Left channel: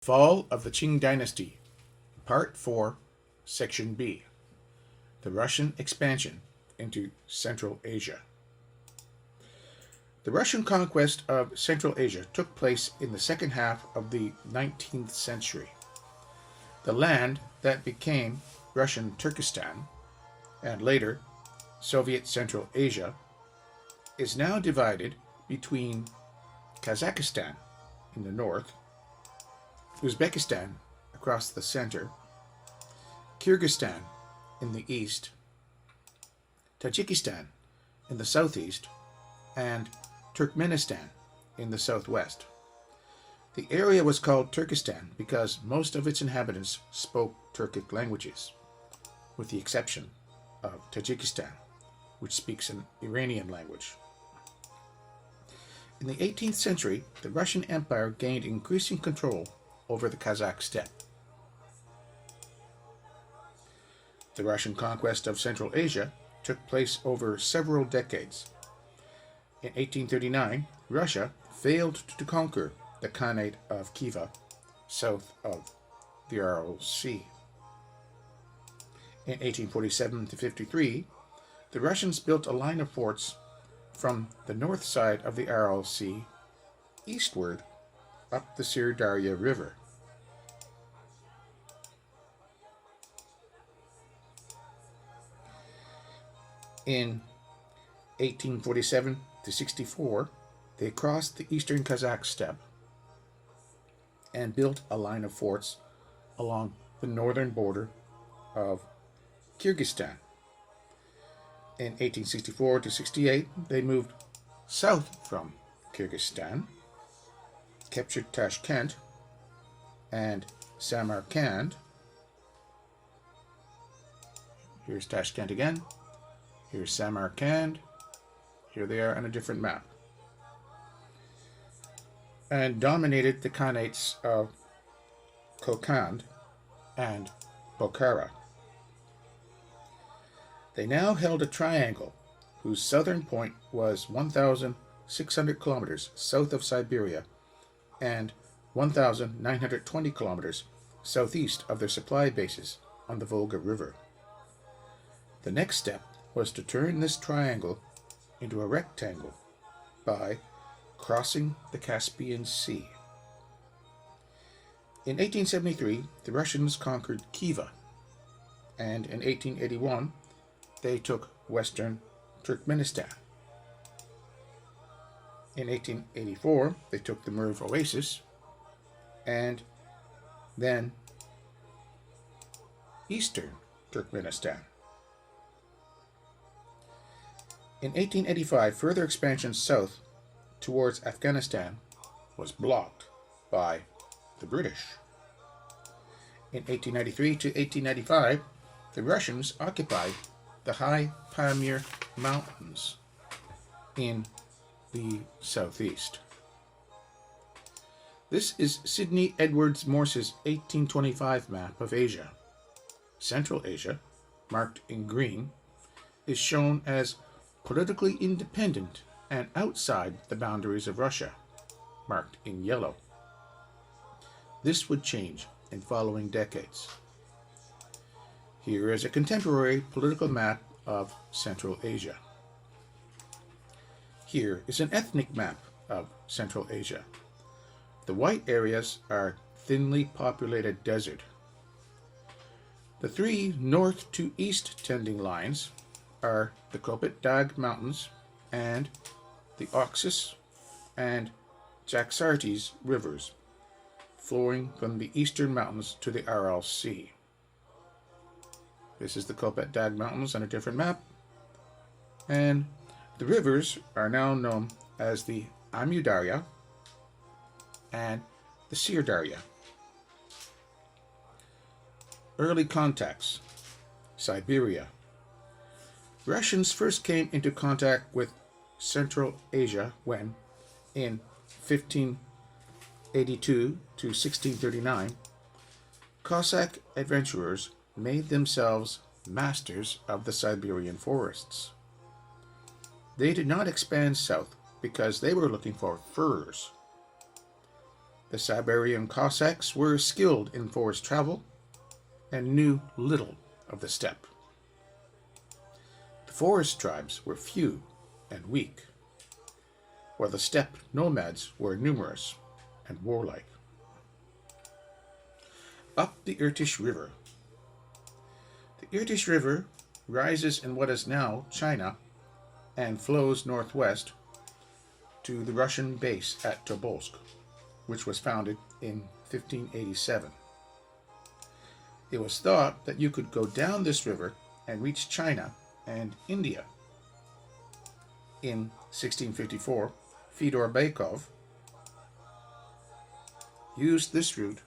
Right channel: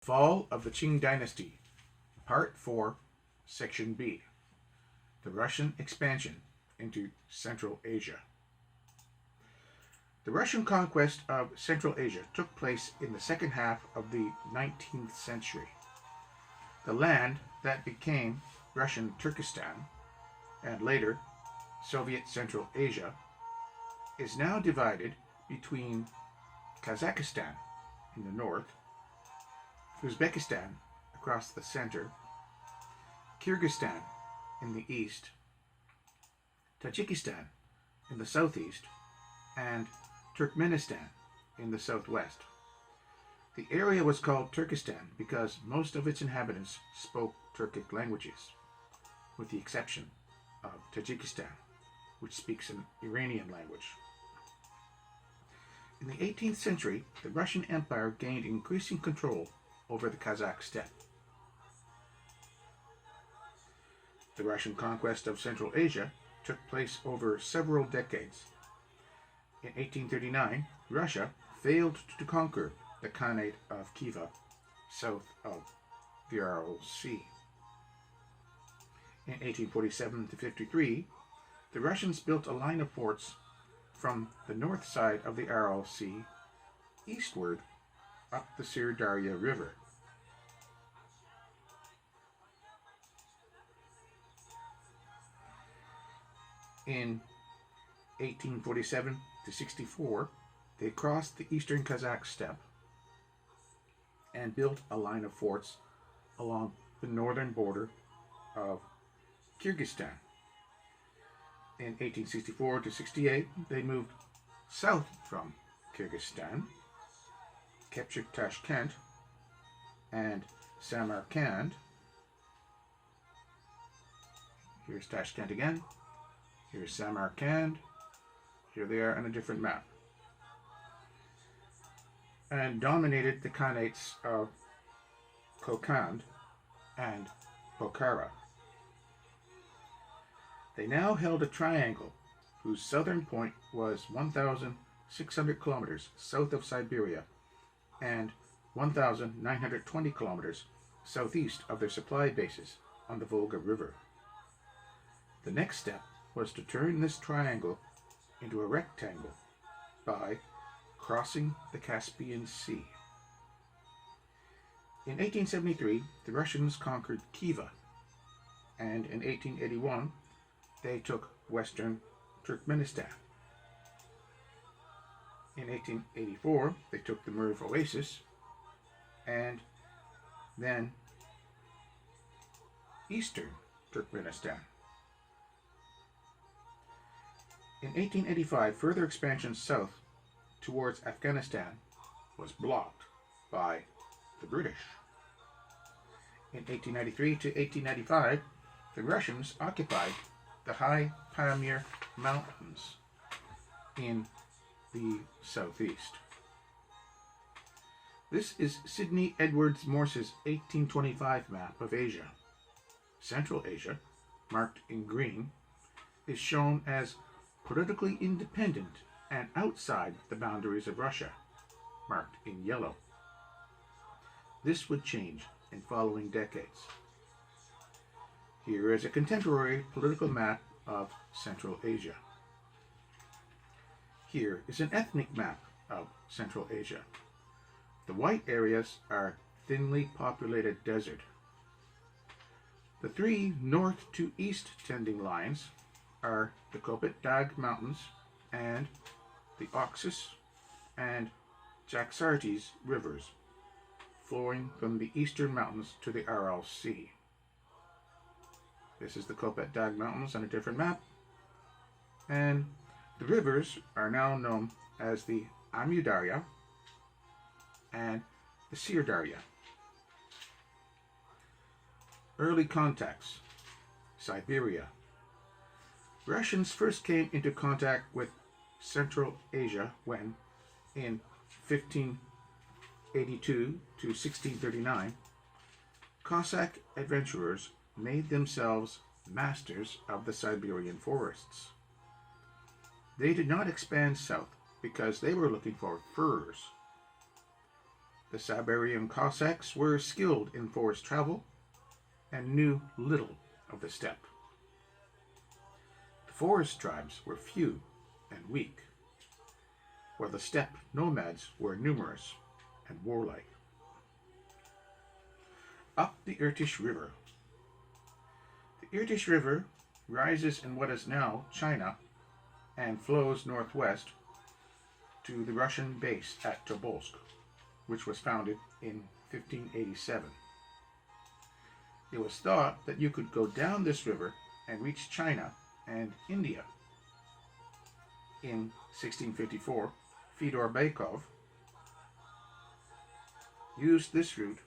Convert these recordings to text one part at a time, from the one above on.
Fall of the Qing Dynasty, Part 4, Section B. The Russian Expansion into Central Asia. The Russian conquest of Central Asia took place in the second half of the 19th century. The land that became Russian Turkestan, and later Soviet Central Asia, is now divided between Kazakhstan in the north, Uzbekistan across the center, Kyrgyzstan in the east, Tajikistan in the southeast, and Turkmenistan in the southwest. The area was called Turkestan because most of its inhabitants spoke Turkic languages, with the exception of Tajikistan, which speaks an Iranian language. In the 18th century, the Russian Empire gained increasing control over the Kazakh steppe. The Russian conquest of Central Asia took place over several decades. In 1839, Russia failed to conquer the Khanate of Khiva, south of the Aral Sea. In 1847 to 53, the Russians built a line of forts from the north side of the Aral Sea eastward up the Sir River. In 1847 to 64, they crossed the eastern Kazakh steppe and built a line of forts along the northern border of Kyrgyzstan. In 1864 to 68, they moved south from Kyrgyzstan, captured Tashkent and Samarkand. Here's Tashkent again. Here's Samarkand. Here they are on a different map. And dominated the Khanates of Kokand and Bukhara. They now held a triangle whose southern point was 1,600 kilometers south of Siberia and 1,920 kilometers southeast of their supply bases on the Volga River. The next step was to turn this triangle into a rectangle by crossing the Caspian Sea. In 1873, the Russians conquered Khiva, and in 1881, they took western Turkmenistan. In 1884, they took the Merv Oasis, and then eastern Turkmenistan. In 1885, further expansion south towards Afghanistan was blocked by the British. In 1893 to 1895, the Russians occupied the high Pamir Mountains in the southeast. This is Sidney Edwards Morse's 1825 map of Asia. Central Asia, marked in green, is shown as politically independent and outside the boundaries of Russia, marked in yellow. This would change in following decades. Here is a contemporary political map of Central Asia. Here is an ethnic map of Central Asia. The white areas are thinly populated desert. The three north to east tending lines are the Kopet Dag Mountains and the Oxus and Jaxartes rivers, flowing from the eastern mountains to the Aral Sea. This is the Kopet Dag Mountains on a different map, and the rivers are now known as the Amudarya and the Sirdarya. Early contacts. Siberia. Russians first came into contact with Central Asia when, in 1582 to 1639, Cossack adventurers made themselves masters of the Siberian forests. They did not expand south because they were looking for furs. The Siberian Cossacks were skilled in forest travel and knew little of the steppe. The forest tribes were few and weak, while the steppe nomads were numerous and warlike. Up the Irtysh River. The Irtysh River rises in what is now China and flows northwest to the Russian base at Tobolsk, which was founded in 1587. It was thought that you could go down this river and reach China and India. In 1654, Fyodor Bykov used this route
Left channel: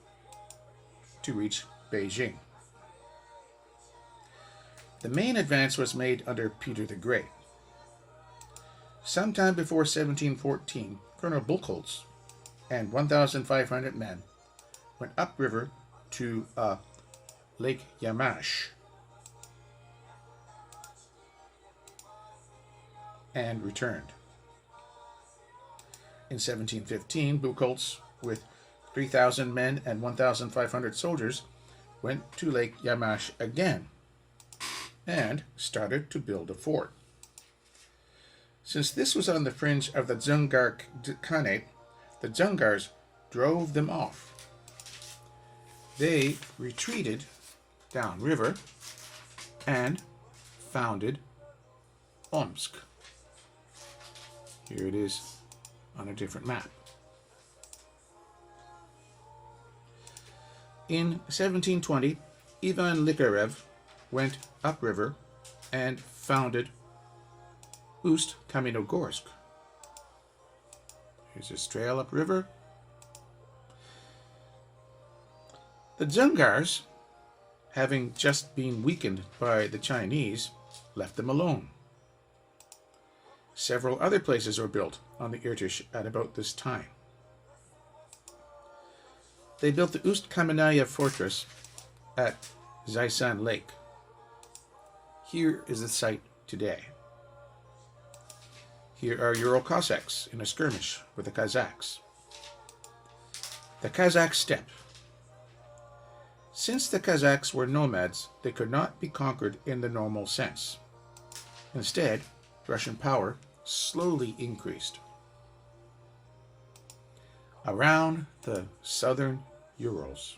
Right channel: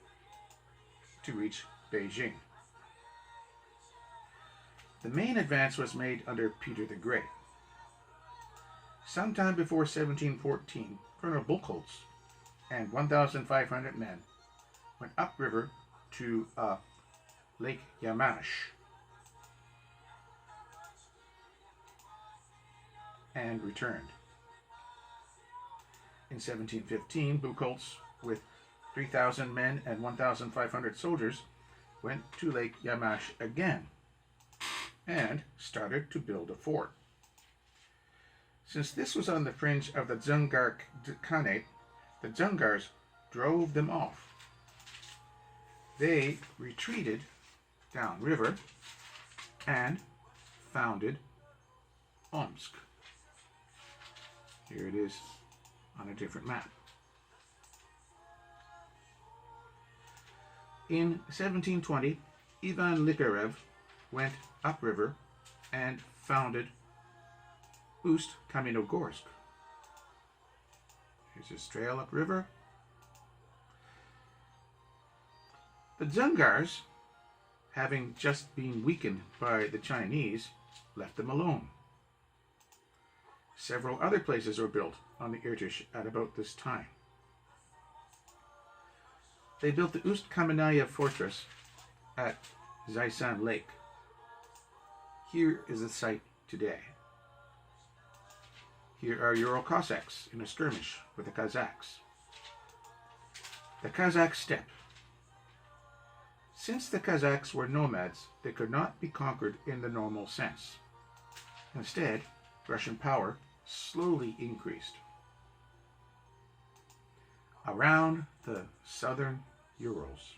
to reach Beijing. The main advance was made under Peter the Great. Sometime before 1714, Colonel Buchholz and 1,500 men went upriver to Lake Yamash and returned. In 1715, Buchholz, with 3,000 men and 1,500 soldiers, went to Lake Yamash again and started to build a fort. Since this was on the fringe of the Dzungar Khanate, the Dzungars drove them off. They retreated downriver and founded Omsk. Here it is on a different map. In 1720, Ivan Likarev went upriver and founded Ust-Kamenogorsk. Here's his trail upriver. The Dzungars, having just been weakened by the Chinese, left them alone. Several other places were built on the Irtysh at about this time. They built the Ust-Khameneia fortress at Zaisan Lake. Here is the site today. Here are Ural Cossacks in a skirmish with the Kazakhs. The Kazakh steppe. Since the Kazakhs were nomads, they could not be conquered in the normal sense. Instead, Russian power slowly increased. Around the southern Urals.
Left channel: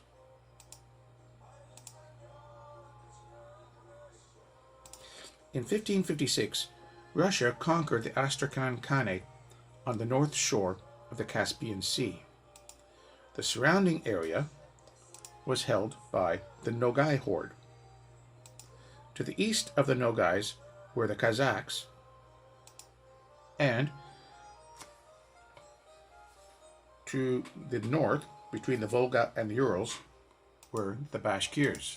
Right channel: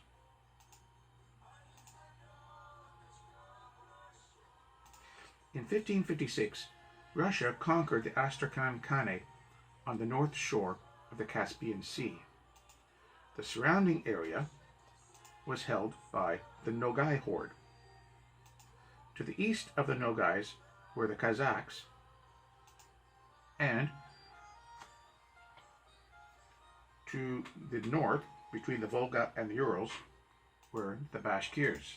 In 1556, Russia conquered the Astrakhan Khanate on the north shore of the Caspian Sea. The surrounding area was held by the Nogai horde. To the east of the Nogais were the Kazakhs, and to the north, between the Volga and the Urals, were the Bashkirs.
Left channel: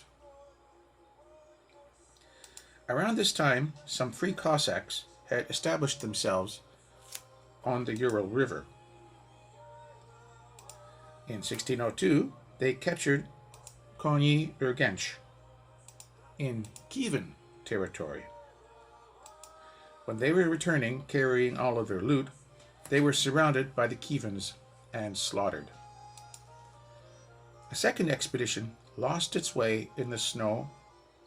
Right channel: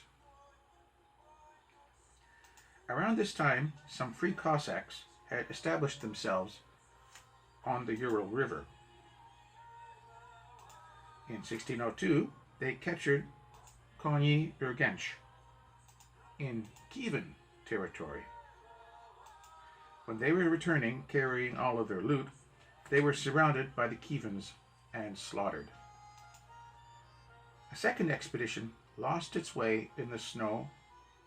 Around this time, some free Cossacks had established themselves on the Ural River. In 1602, they captured Konyi Urgench in Kievan territory. When they were returning, carrying all of their loot, they were surrounded by the Kievans and slaughtered. A second expedition lost its way in the snow,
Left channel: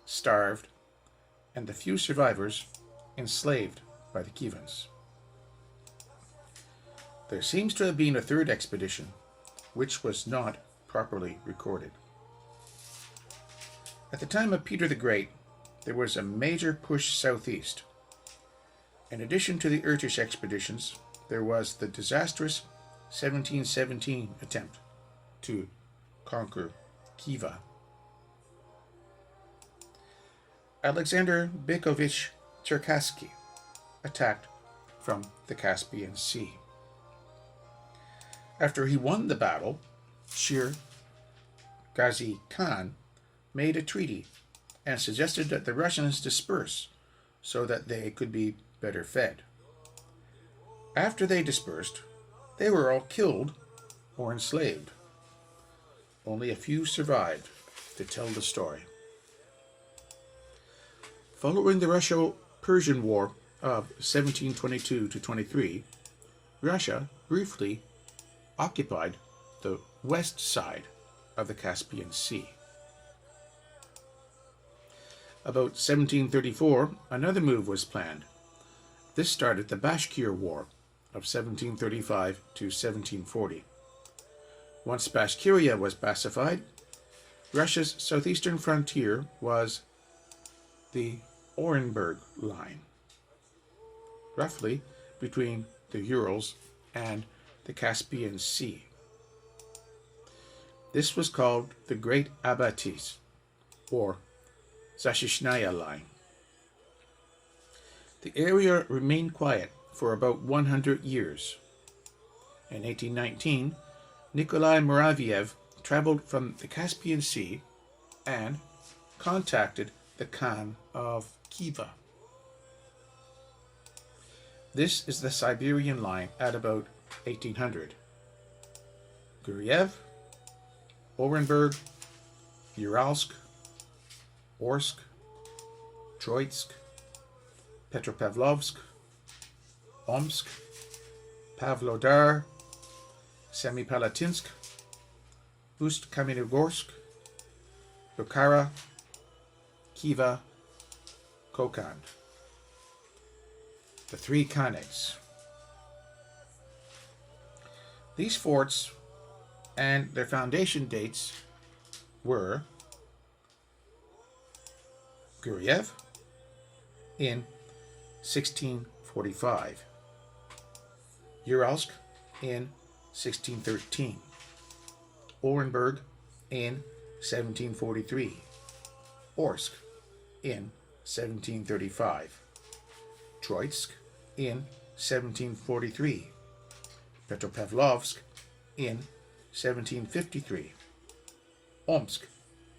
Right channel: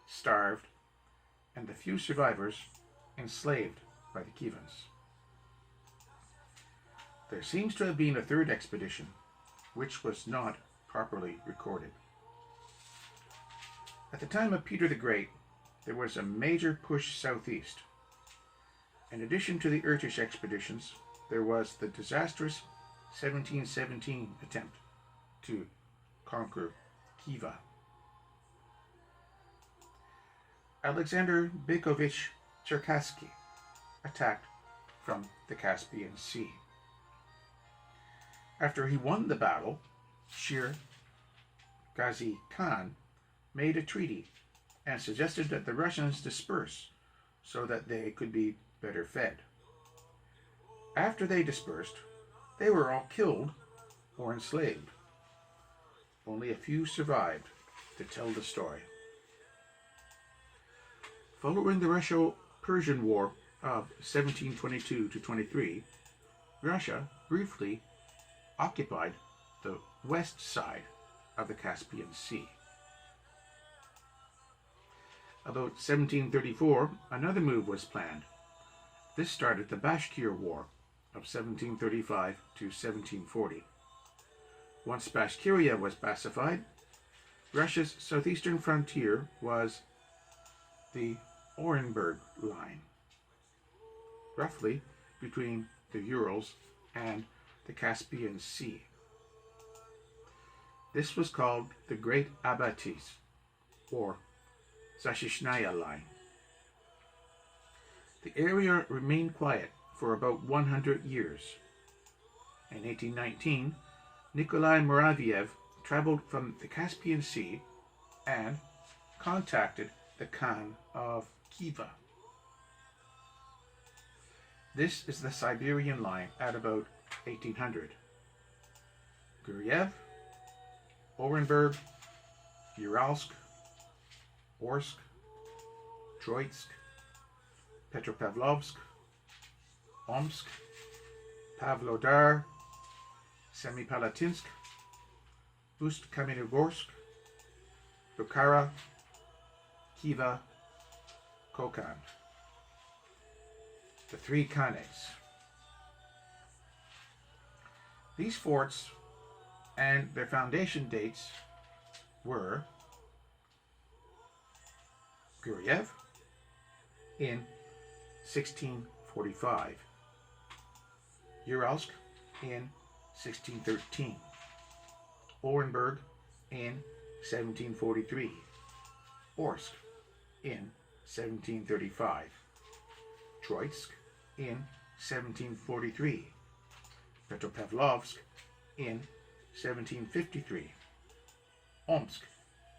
starved, and the few survivors enslaved by the Kievans. There seems to have been a third expedition, which was not properly recorded. At the time of Peter the Great, there was a major push southeast. In addition to the Irtysh expeditions, there was the disastrous 1717 attempt to conquer Khiva. Alexander Beykovich Cherkassky attacked from the Caspian Sea. After he won the battle, Shir Ghazi Khan made a treaty and suggested that the Russians disperse so that they could be better fed. After they dispersed, they were all killed or enslaved. Only a few survived to tell the story. Following the Russo-Persian War of 1722 to 23, Russia briefly occupied the west side of the Caspian Sea. About 1734, another move was planned. This started the Bashkir War of 1735 to 1740. Once Bashkiria was pacified, Russia's southeastern frontier was the Orenburg Line, roughly between the Urals and the Caspian Sea. This was called the Great Abatis, or Zashishnaya Line. The area remained quiet for about 100 years. In 1819, Nikolai Muraviev traveled from the Caspian Sea and contacted the Khan of Khiva. This is the Siberian Line at about 1800. Guryev, Orenburg, Uralsk, Orsk, Troitsk, Petropavlovsk, Omsk, Pavlodar, Semipalatinsk, Ust-Kamenogorsk, Bukhara, Khiva, Kokand. The three Khanes. These forts and their foundation dates were Guryev in 1645, Uralsk in 1613, Orenburg in 1743, Orsk in 1735, Troitsk in 1743, Petropavlovsk in 1753, Omsk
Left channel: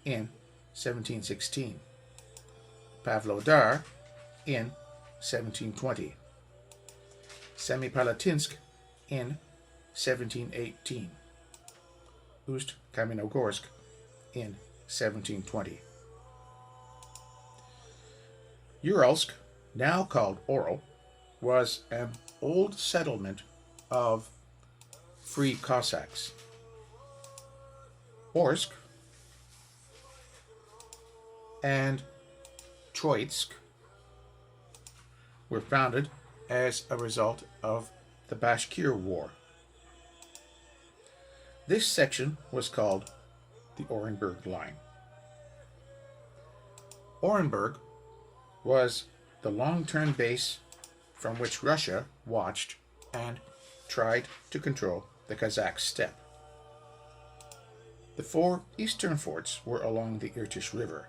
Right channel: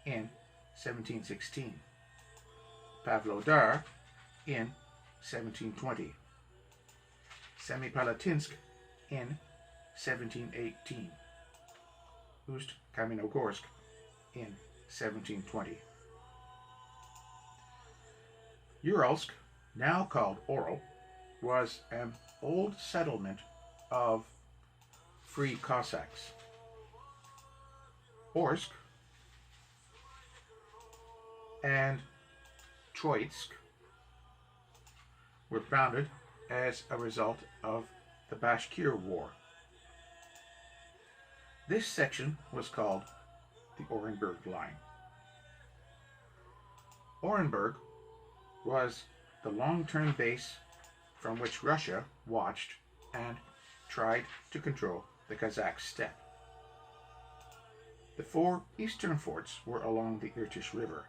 in 1716, Pavlodar in 1720, Semipalatinsk in 1718, Ust-Kamenogorsk in 1720. Uralsk, now called Oral, was an old settlement of free Cossacks. Orsk and Troitsk were founded as a result of the Bashkir War. This section was called the Orenburg Line. Orenburg was the long-term base from which Russia watched and tried to control the Kazakh steppe. The four eastern forts were along the Irtysh River.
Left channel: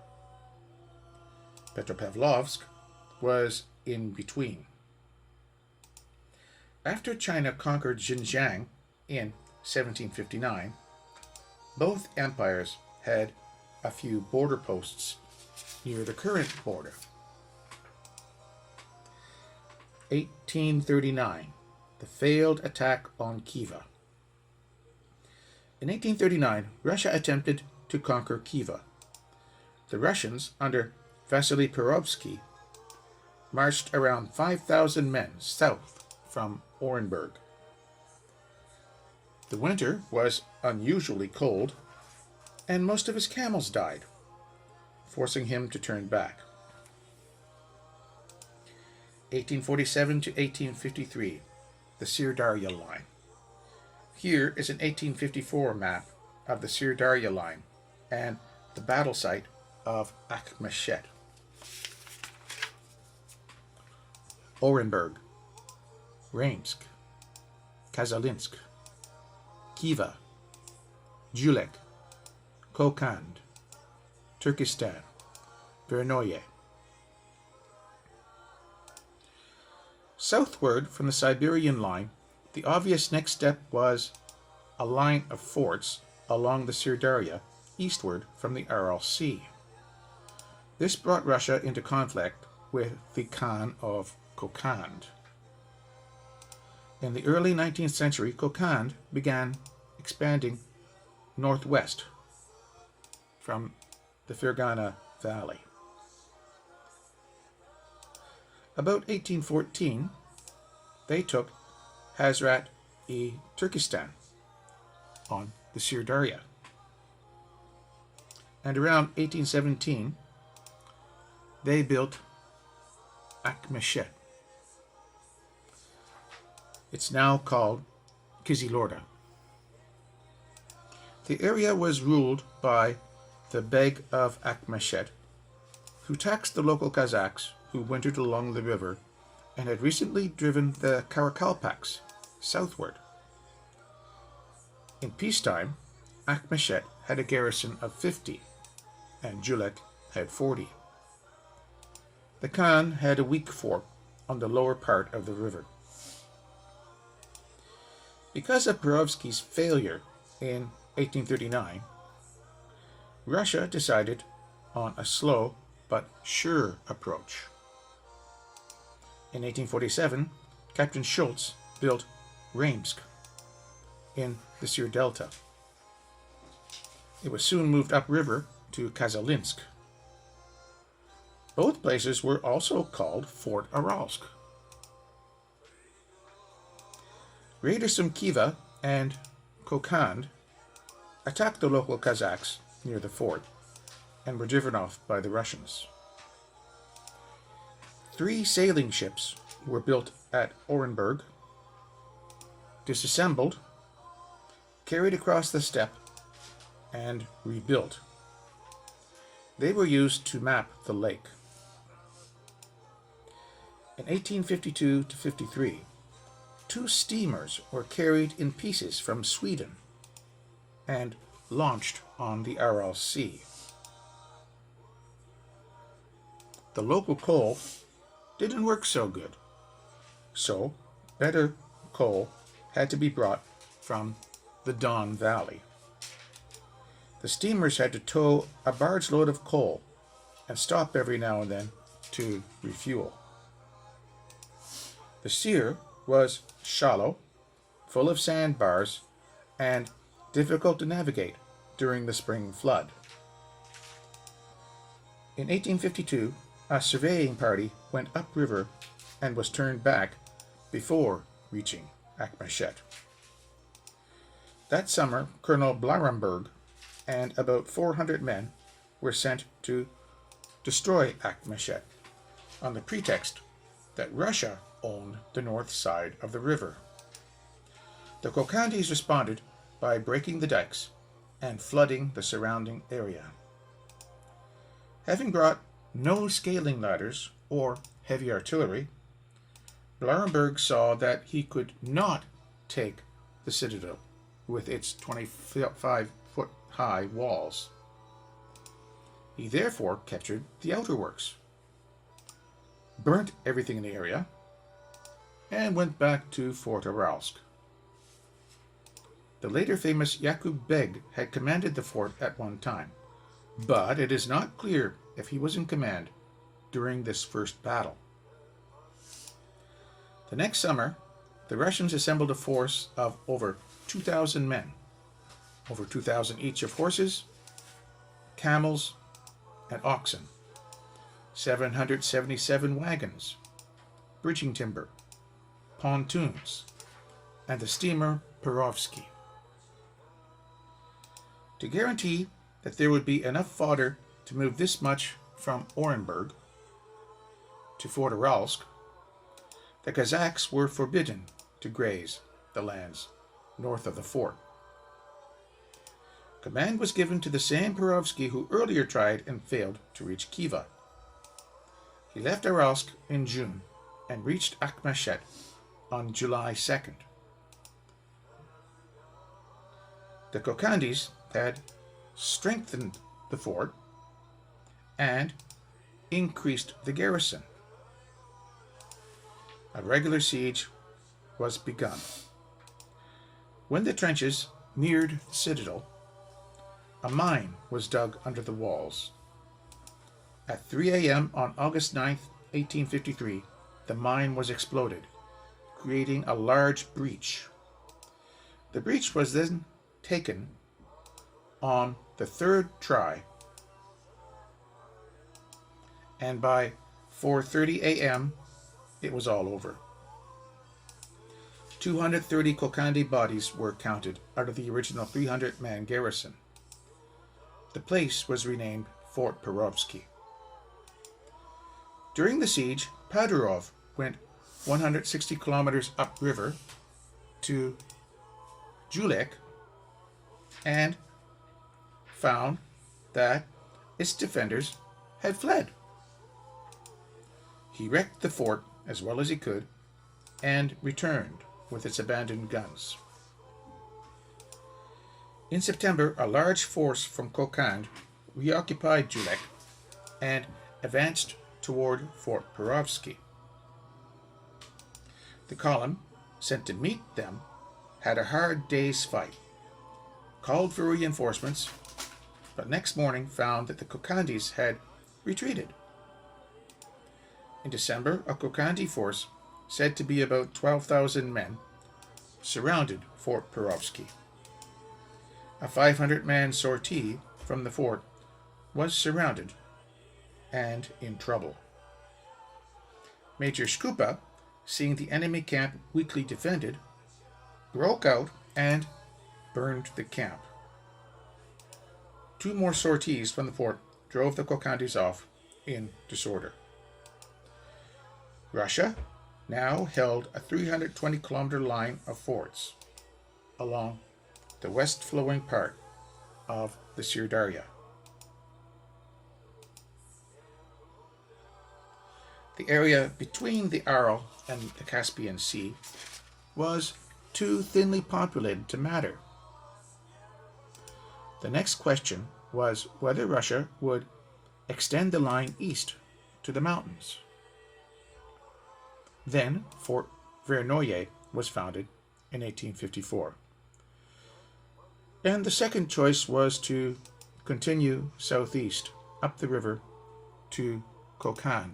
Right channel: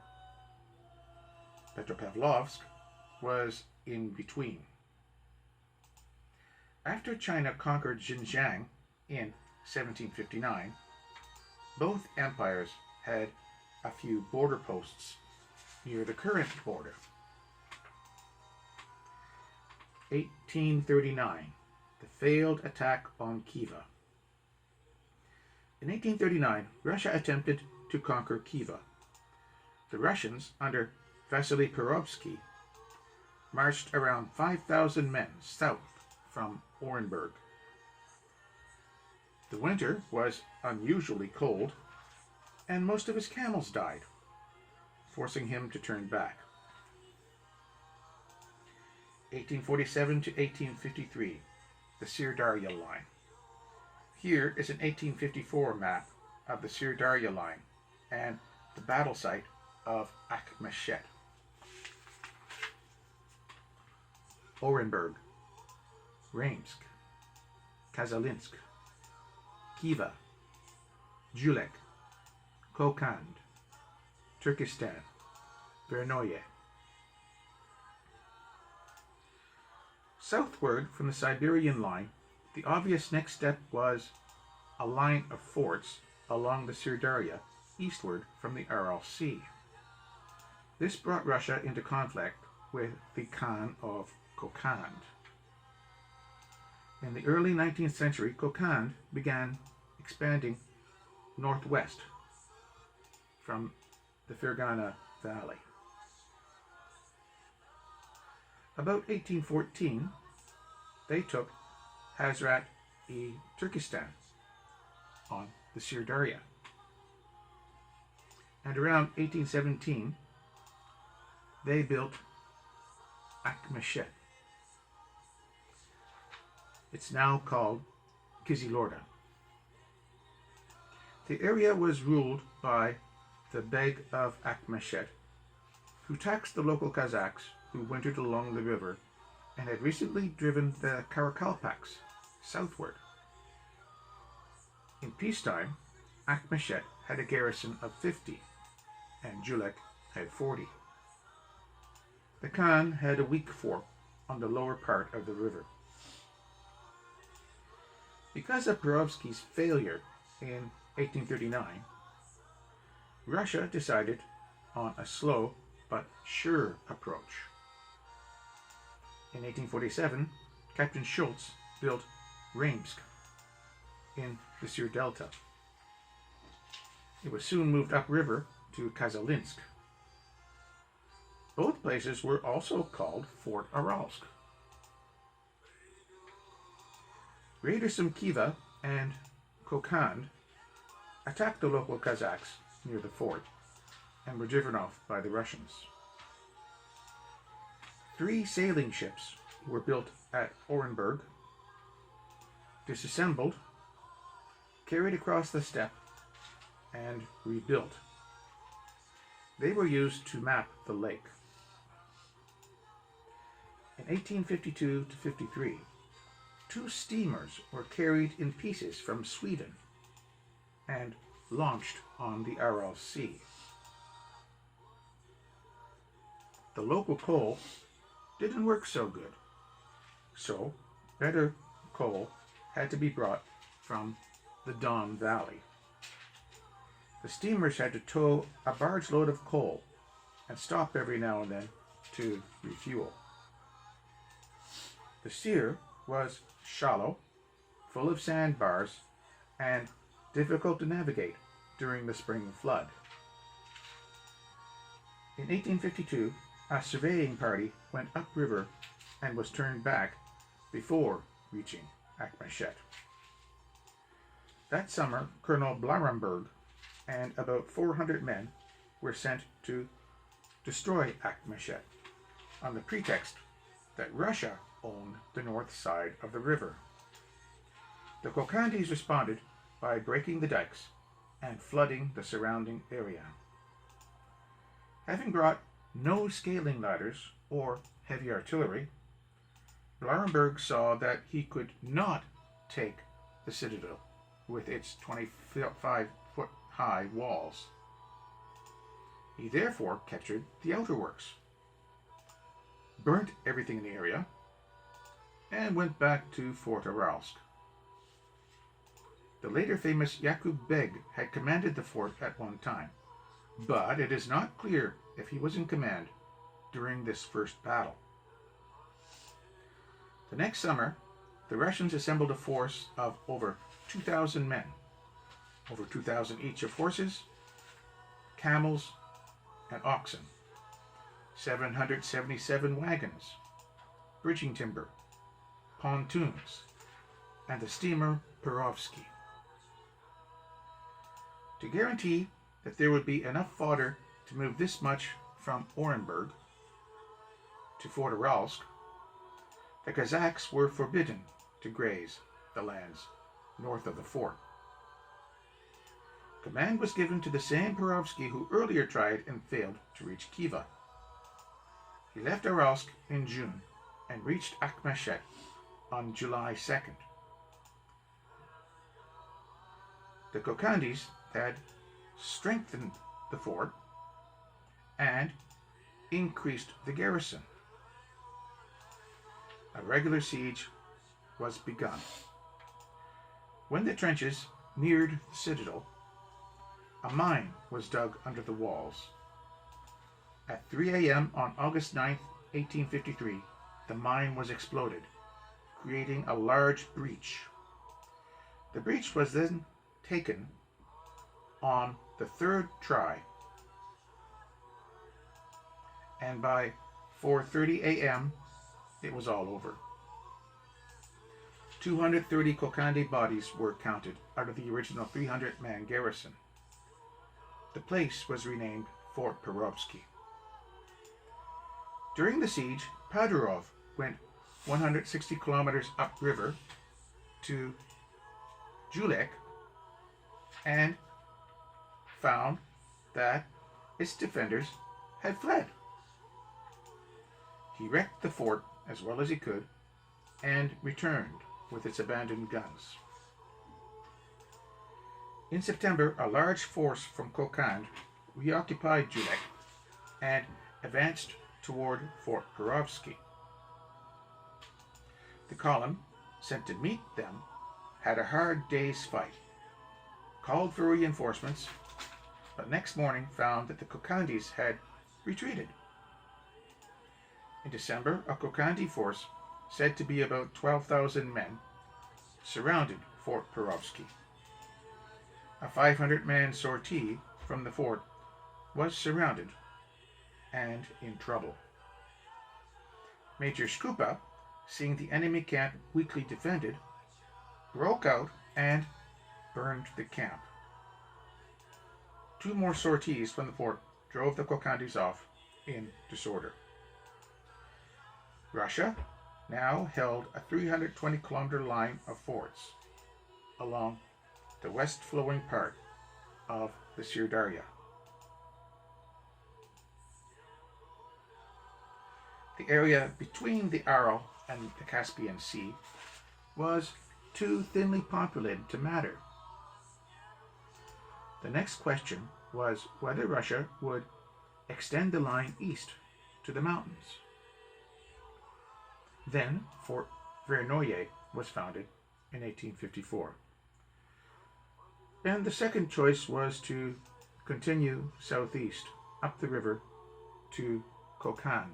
Petropavlovsk was in between. After China conquered Xinjiang in 1759, both empires had a few border posts near the current border. 1839, the failed attack on Khiva. In 1839, Russia attempted to conquer Khiva. The Russians, under Vasily Perovsky, marched around 5,000 men south from Orenburg. The winter was unusually cold, and most of his camels died, forcing him to turn back. 1847 to 1853, the Sir-Darya Line. Here is an 1854 map of the Sir-Darya Line and the battle site of Akhmeshet. Orenburg, Raimsk, Kazalinsk, Khiva, Julek, Kokand, Turkestan, Vernoye. Southward from the Siberian Line, the obvious next step was a line of forts along the Sir-Darya, eastward from the Aral Sea. This brought Russia into conflict with the Khan of Kokand. In the early 19th century, Kokand began expanding northwest from the Fergana Valley. About 1814, they took Hazrat-e Turkestan on the Sirdaria. And around 1817, they built Akmeshet. It's now called Kizilorda. The area was ruled by the Beg of Akmeshet, who taxed the local Kazakhs who wintered along the river and had recently driven the Karakalpaks southward. In peacetime, Akmeshet had a garrison of 50 and Julek had 40. The Khan had a weak fort on the lower part of the river. Because of Perovsky's failure in 1839, Russia decided on a slow but sure approach. In 1847, Captain Schultz built Reimsk in the Sir Delta. It was soon moved upriver to Kazalinsk. Both places were also called Fort Aralsk. Raiders from Khiva and Kokand attacked the local Kazakhs near the fort and were driven off by the Russians. 3 sailing ships were built at Orenburg, disassembled, carried across the steppe, and rebuilt. They were used to map the lake. In 1852 to 53, 2 steamers were carried in pieces from Sweden and launched on the Aral Sea. The local coal didn't work so good, so better coal had to be brought from the Don Valley. The steamers had to tow a barge load of coal and stop every now and then to refuel. The Sir was shallow, full of sandbars, and difficult to navigate during the spring flood. In 1852, a surveying party went upriver and was turned back before reaching Akmeshet. That summer, Colonel Blarenberg and about 400 men were sent to destroy Akmeshet on the pretext that Russia owned the north side of the river. The Kokandis responded by breaking the dikes and flooding the surrounding area. Having brought no scaling ladders or heavy artillery, Blarenberg saw that he could not take the citadel with its 25-foot-high walls. He therefore captured the outer works, burnt everything in the area, and went back to Fort Aralsk. The later famous Yakub Beg had commanded the fort at one time, but it is not clear if he was in command during this first battle. The next summer, the Russians assembled a force of over 2,000 men, over 2,000 each of horses, camels, and oxen, 777 wagons, bridging timber, pontoons, and the steamer Perovsky. To guarantee that there would be enough fodder to move this much from Orenburg to Fort Aralsk, the Kazakhs were forbidden to graze the lands north of the fort. Command was given to the same Perovsky who earlier tried and failed to reach Khiva. He left Aralsk in June and reached Akmeshet on July 2nd. The Kokandis had strengthened the fort and increased the garrison. A regular siege was begun. When the trenches neared the citadel, a mine was dug under the walls. At 3 a.m. on August 9th, 1853, the mine was exploded, creating a large breach. The breach was then taken on the 3rd try, and by 4:30 a.m. it was all over. 230 Kokandi bodies were counted out of the original 300-man garrison. The place was renamed Fort Perovsky. During the siege, Padurov went 160 kilometers upriver to Julek and found that its defenders had fled. He wrecked the fort as well as he could and returned with its abandoned guns. In September, a large force from Kokand reoccupied Julek and advanced toward Fort Perovsky. The column sent to meet them had a hard day's fight, called for reinforcements, but next morning found that the Kokandis had retreated. In December, a Kokandi force, said to be about 12,000 men, surrounded Fort Perovsky. A 500-man sortie from the fort was surrounded and in trouble. Major Skupa, seeing the enemy camp weakly defended, broke out and burned the camp. 2 more sorties from the fort drove the Kokandis off in disorder. Russia now held a 320-kilometer line of forts along the west-flowing part of the Sirdarya. The area between the Aral and the Caspian Sea was too thinly populated to matter. The next question was whether Russia would extend the line east to the mountains. Then Fort Vernoye was founded in 1854. And the second choice was to continue southeast up the river to Kokand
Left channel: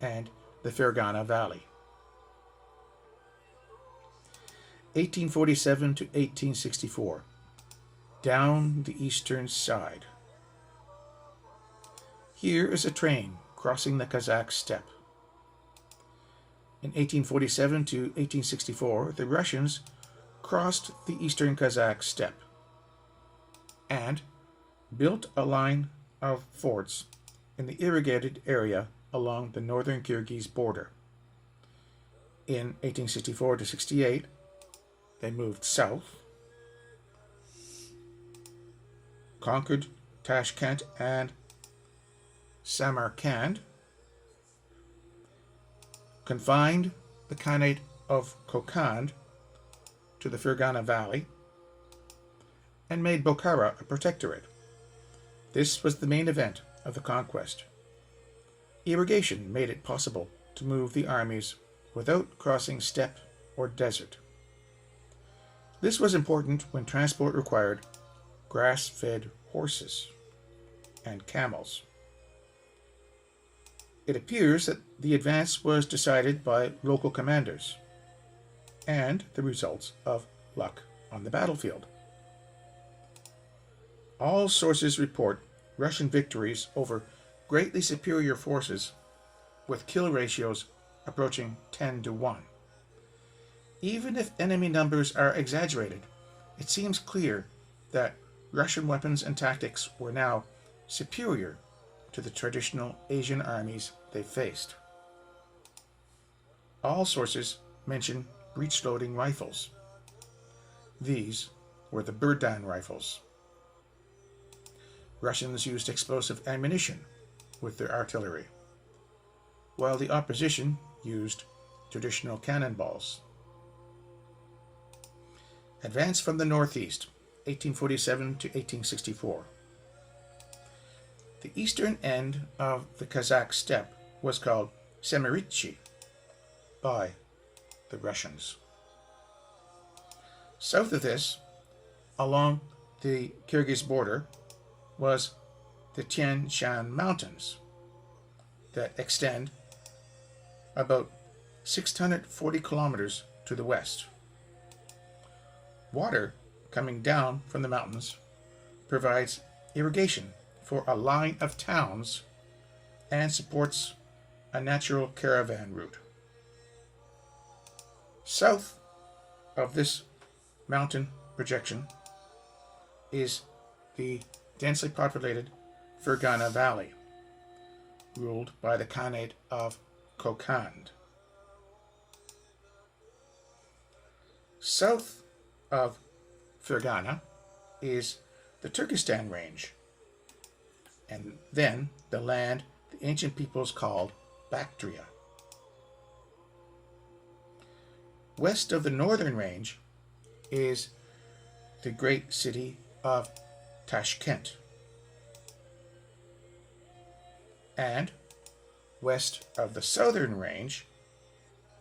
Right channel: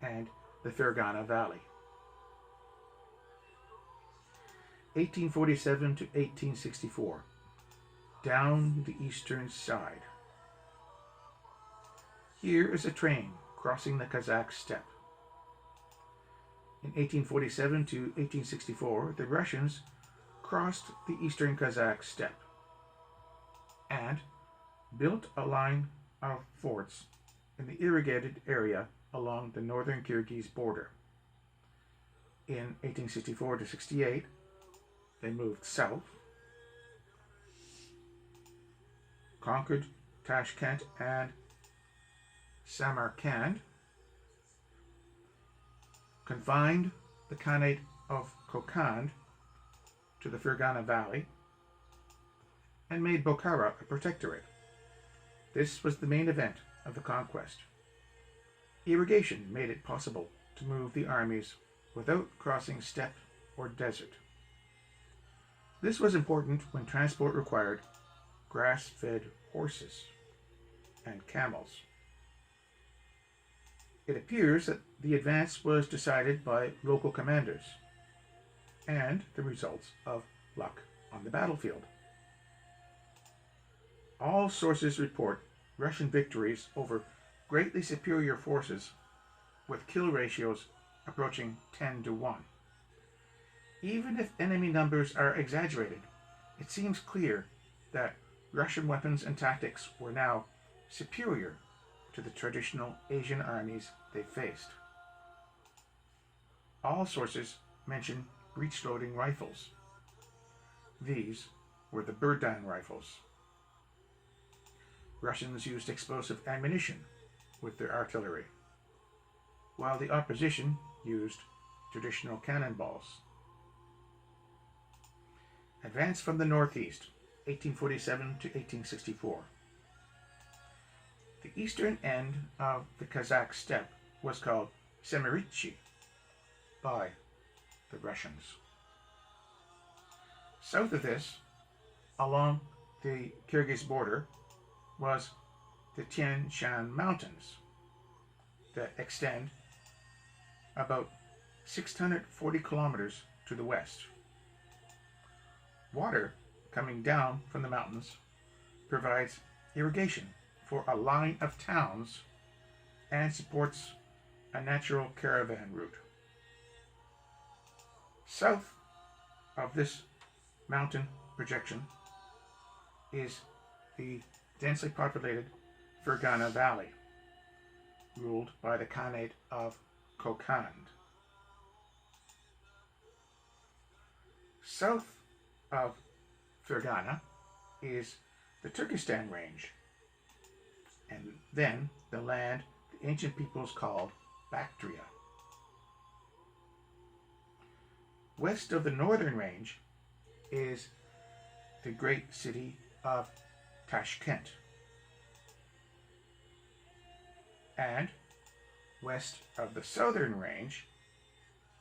and the Fergana Valley. 1847 to 1864, down the eastern side. Here is a train crossing the Kazakh steppe. In 1847 to 1864, the Russians crossed the eastern Kazakh steppe and built a line of forts in the irrigated area along the northern Kyrgyz border. In 1864 to 68, they moved south, conquered Tashkent and Samarkand, confined the Khanate of Kokand to the Fergana Valley, and made Bukhara a protectorate. This was the main event of the conquest. Irrigation made it possible to move the armies without crossing steppe or desert. This was important when transport required grass-fed horses and camels. It appears that the advance was decided by local commanders and the results of luck on the battlefield. All sources report Russian victories over greatly superior forces with kill ratios approaching 10 to 1. Even if enemy numbers are exaggerated, it seems clear that Russian weapons and tactics were now superior to the traditional Asian armies they faced. All sources mention breech-loading rifles. These were the Burdan rifles. Russians used explosive ammunition with their artillery, while the opposition used traditional cannonballs. Advance from the northeast, 1847 to 1864. The eastern end of the Kazakh steppe was called Semiritsy by the Russians. South of this, along the Kyrgyz border, was the Tian Shan Mountains that extend about 640 kilometers to the west. Water coming down from the mountains provides irrigation for a line of towns and supports a natural caravan route. South of this mountain projection is the densely populated Fergana Valley, ruled by the Khanate of Kokand. South of Fergana is the Turkestan Range, and then the land the ancient peoples called Bactria. West of the northern range is the great city of Tashkent, and west of the southern range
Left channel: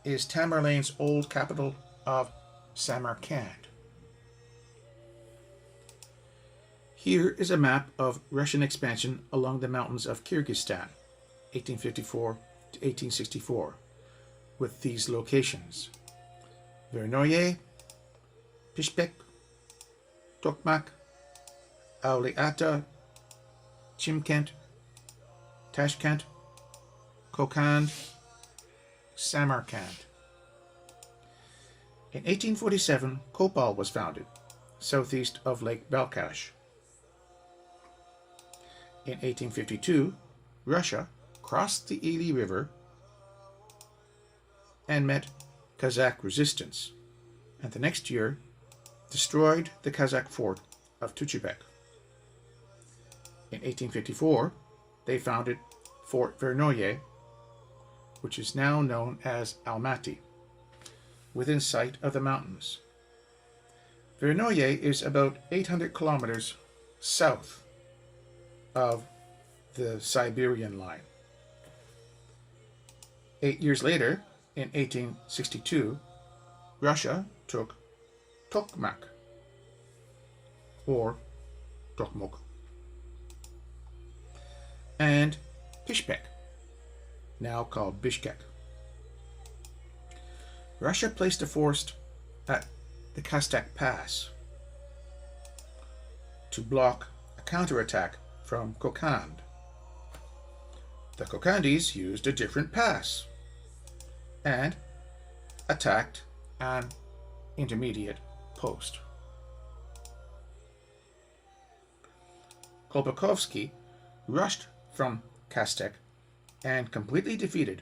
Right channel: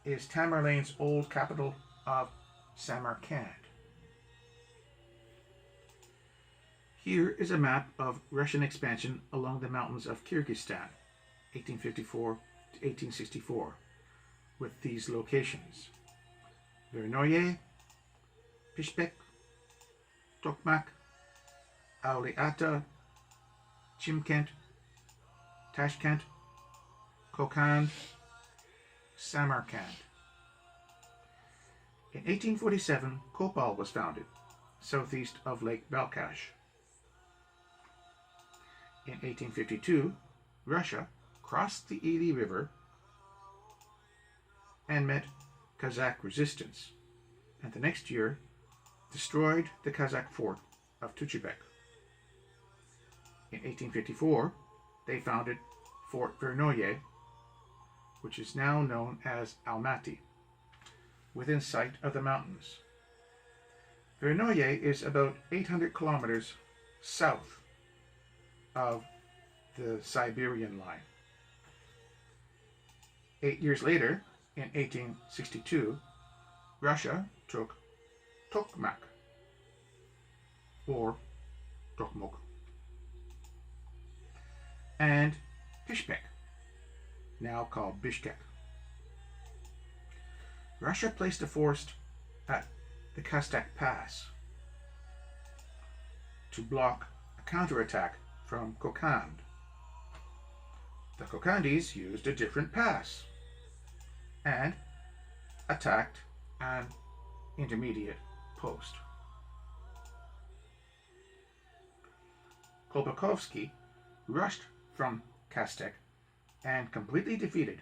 is Tamerlane's old capital of Samarkand. Here is a map of Russian expansion along the mountains of Kyrgyzstan, 1854 to 1864, with these locations: Vernoye, Pishpek, Tokmak, Auliata, Chimkent, Tashkent, Kokand, Samarkand. In 1847, Kopal was founded, southeast of Lake Balkhash. In 1852, Russia crossed the Ili River and met Kazakh resistance, and the next year destroyed the Kazakh fort of Tuchibek. In 1854, they founded Fort Vernoye, which is now known as Almaty, within sight of the mountains. Vernoye is about 800 kilometers south of the Siberian Line. 8 years later, in 1862, Russia took Tokmak, or Tokmok, and Pishpek, now called Bishkek. Russia placed a force at the Kastak Pass to block a counterattack from Kokand. The Kokandis used a different pass and attacked an intermediate post. Kolpakovsky rushed from Kastek and completely defeated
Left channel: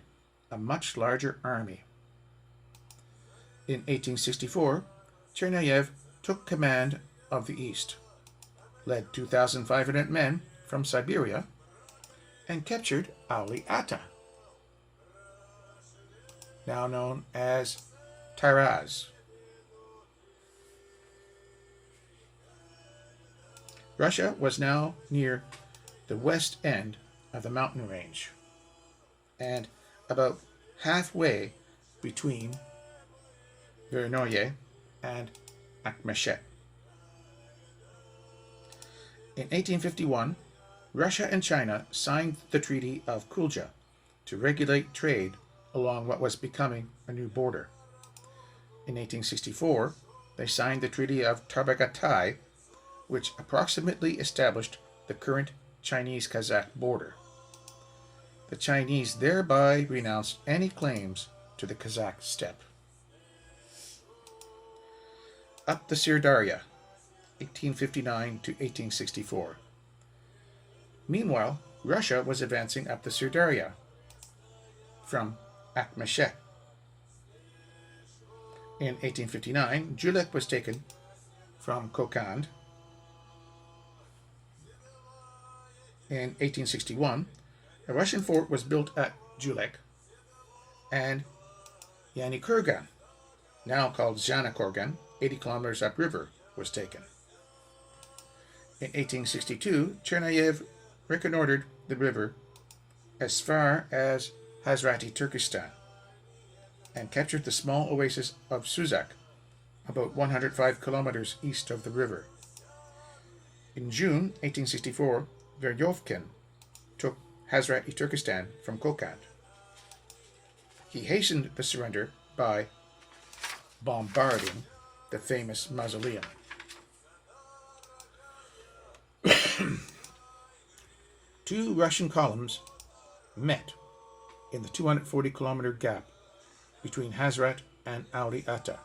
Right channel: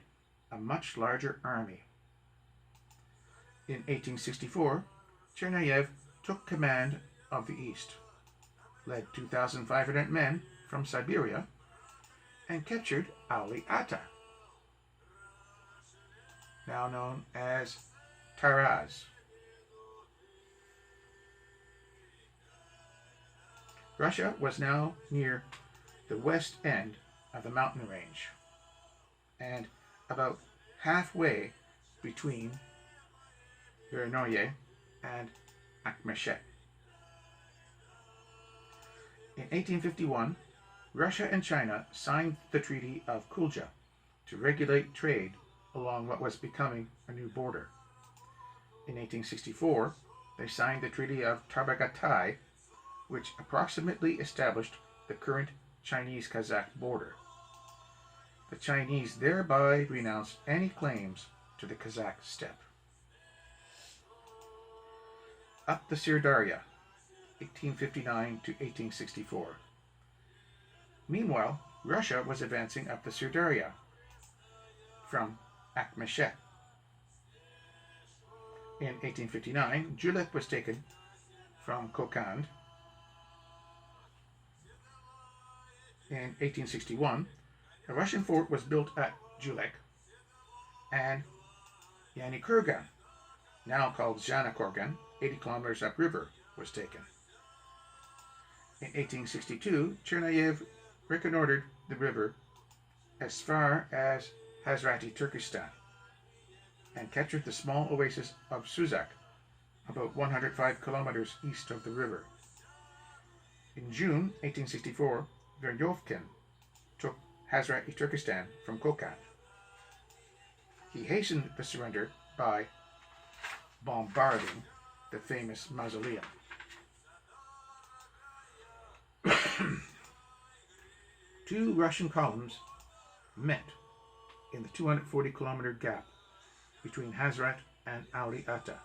a much larger army. In 1864, Chernayev took command of the east, led 2,500 men from Siberia, and captured Auliata, now known as Taraz. Russia was now near the west end of the mountain range and about halfway between Vernoye and Akhmeshet. In 1851, Russia and China signed the Treaty of Kulja to regulate trade along what was becoming a new border. In 1864, they signed the Treaty of Tabagatai, which approximately established the current Chinese-Kazakh border. The Chinese thereby renounced any claims to the Kazakh steppe. Up the Sirdarya, 1859 to 1864. Meanwhile, Russia was advancing up the Sirdarya from Akhmeshet. In 1859, Julek was taken from Kokand. In 1861, a Russian fort was built at Julek, and Yanikurgan, now called Zhanakorgan, 80 kilometers upriver, was taken. In 1862, Chernayev reconnoitered the river as far as Hazrati Turkestan and captured the small oasis of Suzak, about 105 kilometers east of the river. In June 1864, Veryovkin took Hazrati Turkestan from Kokand. He hastened the surrender by bombarding the famous mausoleum. Two Russian columns met in the 240-kilometer gap between Hazrat and Ali Ata,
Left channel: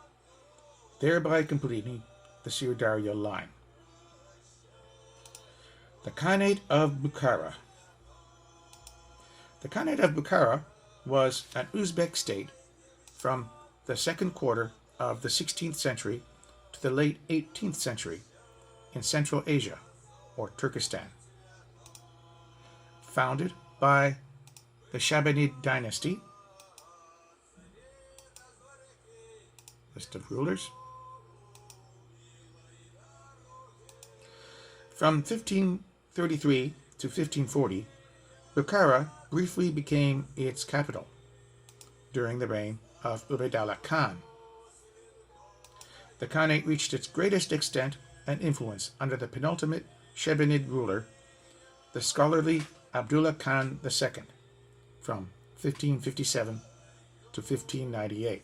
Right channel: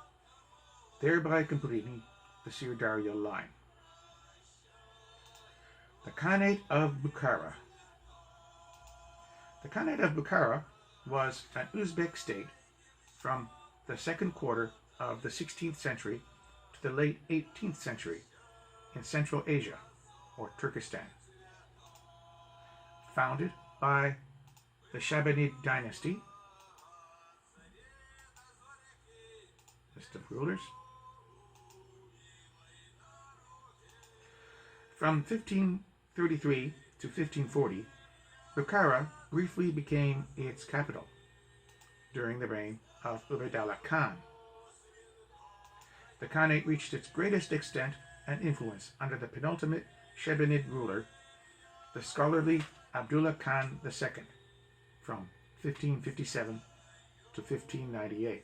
thereby completing the Sirdarya line. The Khanate of Bukhara. The Khanate of Bukhara was an Uzbek state from the second quarter of the 16th century to the late 18th century in Central Asia, or Turkestan. Founded by the Shabanid Dynasty. List of rulers. From 1533 to 1540, Bukhara briefly became its capital during the reign of Ubaydullah Khan. The Khanate reached its greatest extent and influence under the penultimate Shabanid ruler, the scholarly Abdullah Khan II, from 1557 to 1598.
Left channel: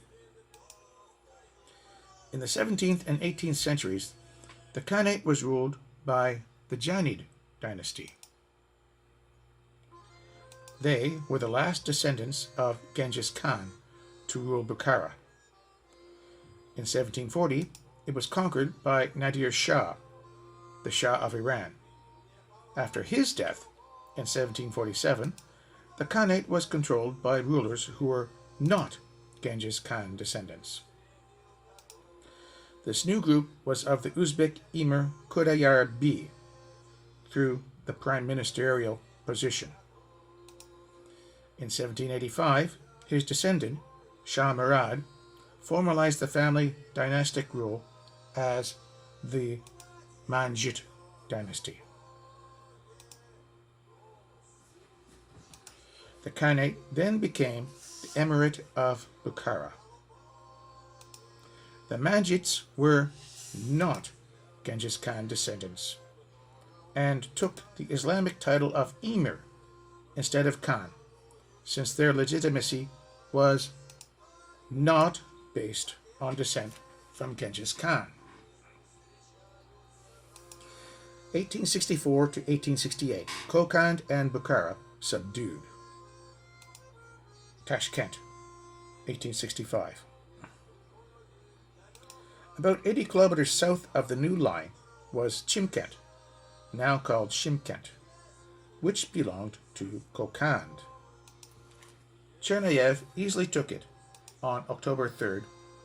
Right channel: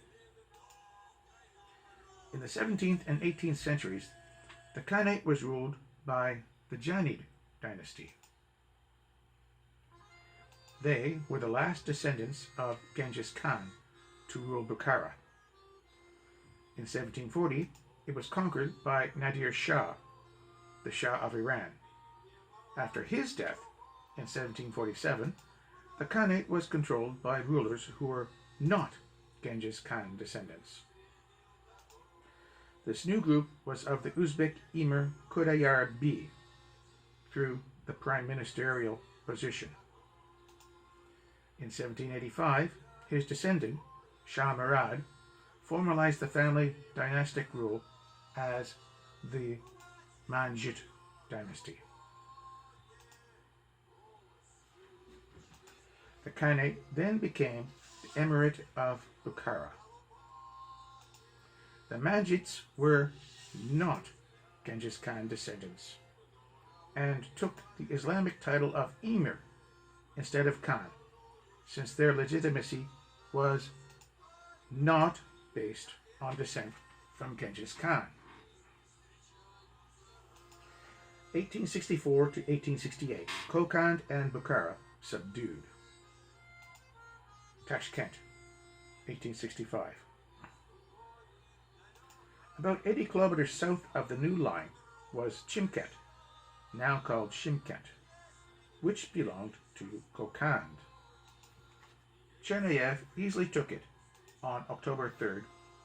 In the 17th and 18th centuries, the Khanate was ruled by the Janid dynasty. They were the last descendants of Genghis Khan to rule Bukhara. In 1740, it was conquered by Nadir Shah, the Shah of Iran. After his death in 1747, the Khanate was controlled by rulers who were not Genghis Khan descendants. This new group was of the Uzbek Emir Khudayar B through the prime ministerial position. In 1785, his descendant, Shah Murad, formalized the family dynastic rule as the Manjit dynasty. The Khanate then became the Emirate of Bukhara. The Manjits were not Genghis Khan descendants and took the Islamic title of Emir instead of Khan, since their legitimacy was not based on descent from Genghis Khan. 1864 to 1868, Kokand and Bukhara subdued. Tashkent, 1865. About 80 kilometers south of the new line was Chimkent, now called Shimkent, which belonged to Kokand. Chernayev easily took it on October 3,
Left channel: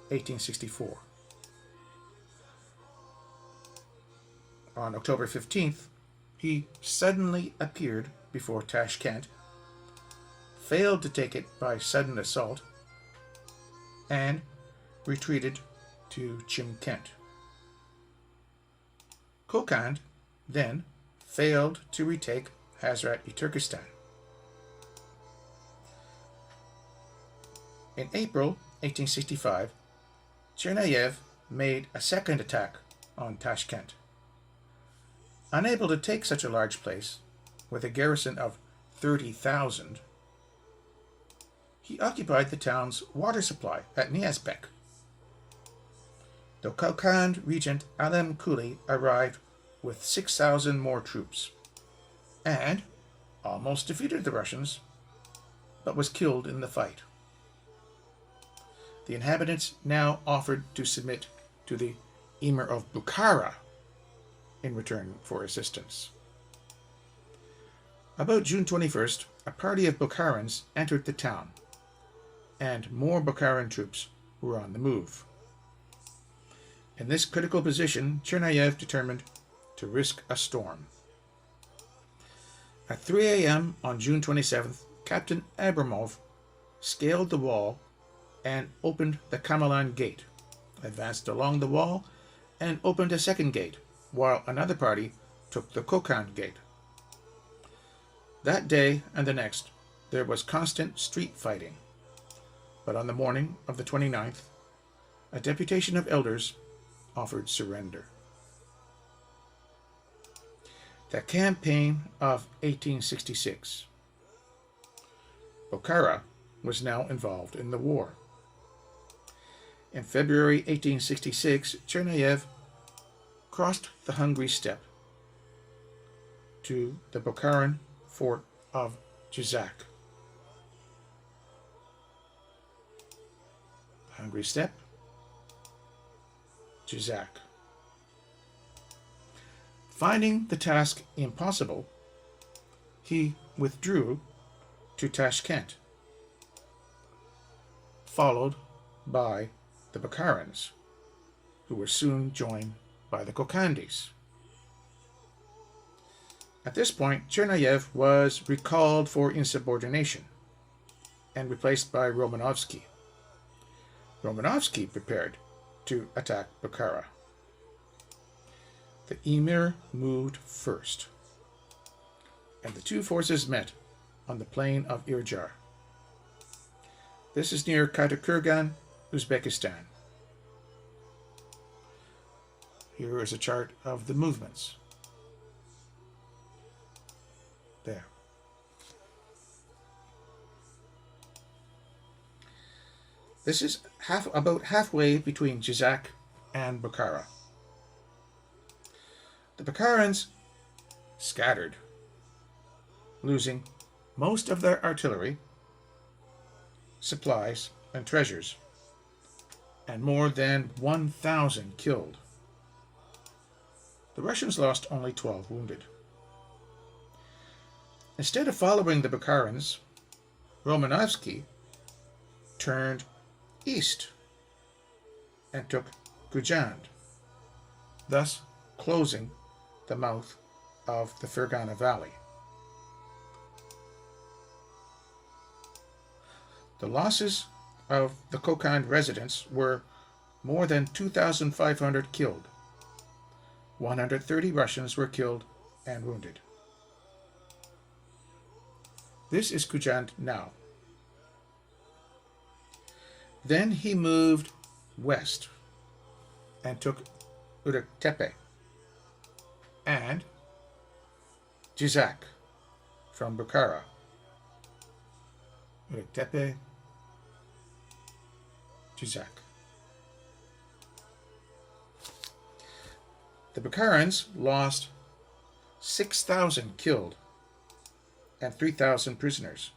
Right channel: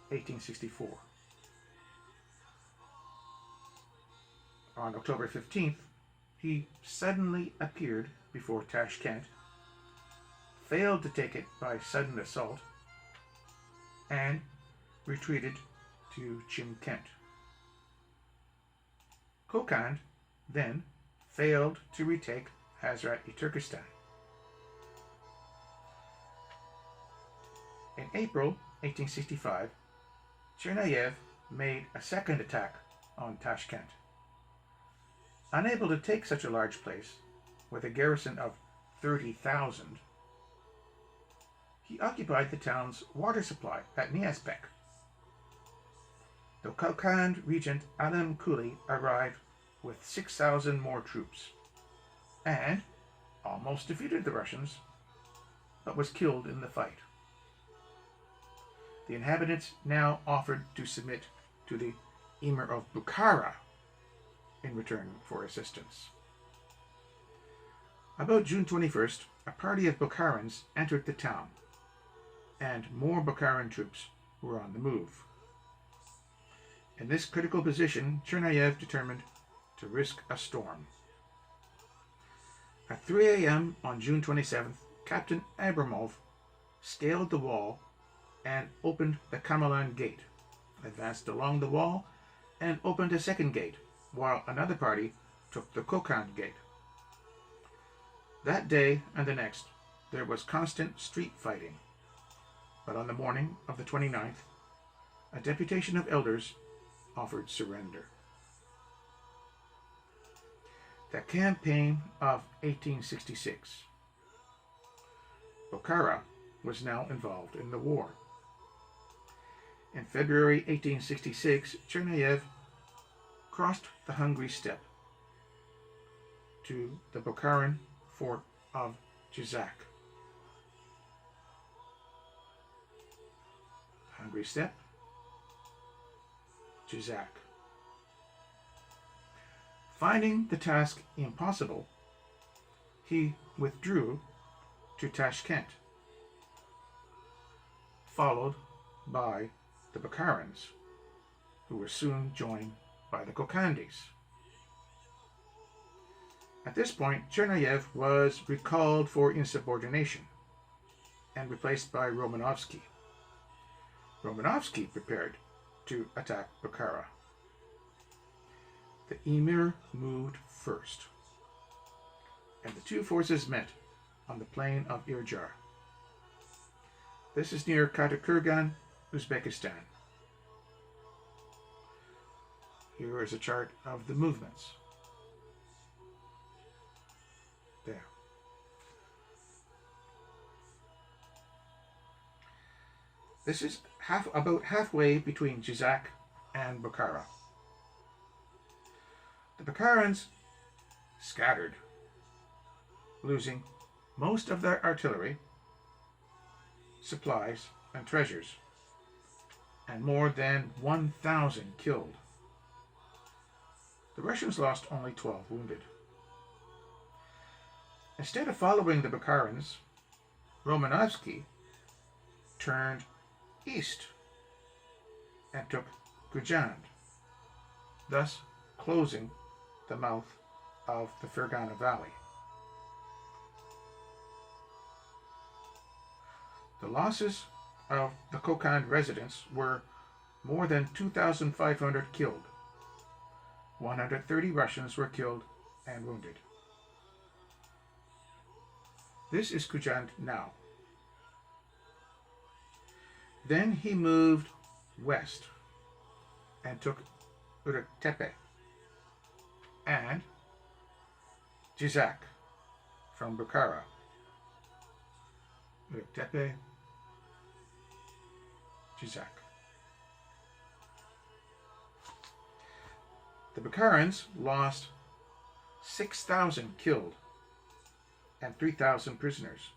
1864. On October 15th, he suddenly appeared before Tashkent, failed to take it by sudden assault, and retreated to Chimkent. Kokand then failed to retake Hazrat-i Turkestan. In April 1865, Chernayev made a second attack on Tashkent. Unable to take such a large place, with a garrison of 30,000, he occupied the town's water supply at Niazbek. The Kokand regent Alam Kuli arrived with 6,000 more troops and almost defeated the Russians, but was killed in the fight. The inhabitants now offered to submit to the Emir of Bukhara in return for assistance. About June 21st, a party of Bukharans entered the town, and more Bukharan troops were on the move. In this critical position, Chernayev determined to risk a storm. At 3 a.m. on June 27th, Captain Abramov scaled the wall and opened the Kamalan gate, advanced along the wall, and opened a second gate, while another party took the Kokand gate. That day and the next, there was constant street fighting, but on the morning of the 29th, a deputation of elders offered surrender. The campaign of 1866. Bukhara was now involved in the war. In February 1866, Chernayev crossed the Hungry Steppe to the Bukharan fort of Jizak. Hungry Steppe, Jizak. Finding the task impossible, he withdrew to Tashkent, followed by the Bukharans, who were soon joined by the Kokandis. At this point, Chernayev was recalled for insubordination and replaced by Romanovsky. Romanovsky prepared to attack Bukhara. The emir moved first, and the two forces met on the plain of Irjar. This is near Katakurgan, Uzbekistan. Here is a chart of the movements. There. This is about halfway between Jizak and Bukhara. The Bukharans scattered, losing most of their artillery, supplies, and treasures, and more than 1,000 killed. The Russians lost only 12 wounded. Instead of following the Bukharans, Romanovsky turned east and took Gujand, thus closing the mouth of the Fergana Valley. The losses of the Kokand residents were more than 2,500 killed. 130 Russians were killed and wounded. This is Gujand now. Then he moved west and took Uruktepe and Jizak from Bukhara. Uruktepe, Jizak. The Bukharans lost 6,000 killed and 3,000 prisoners,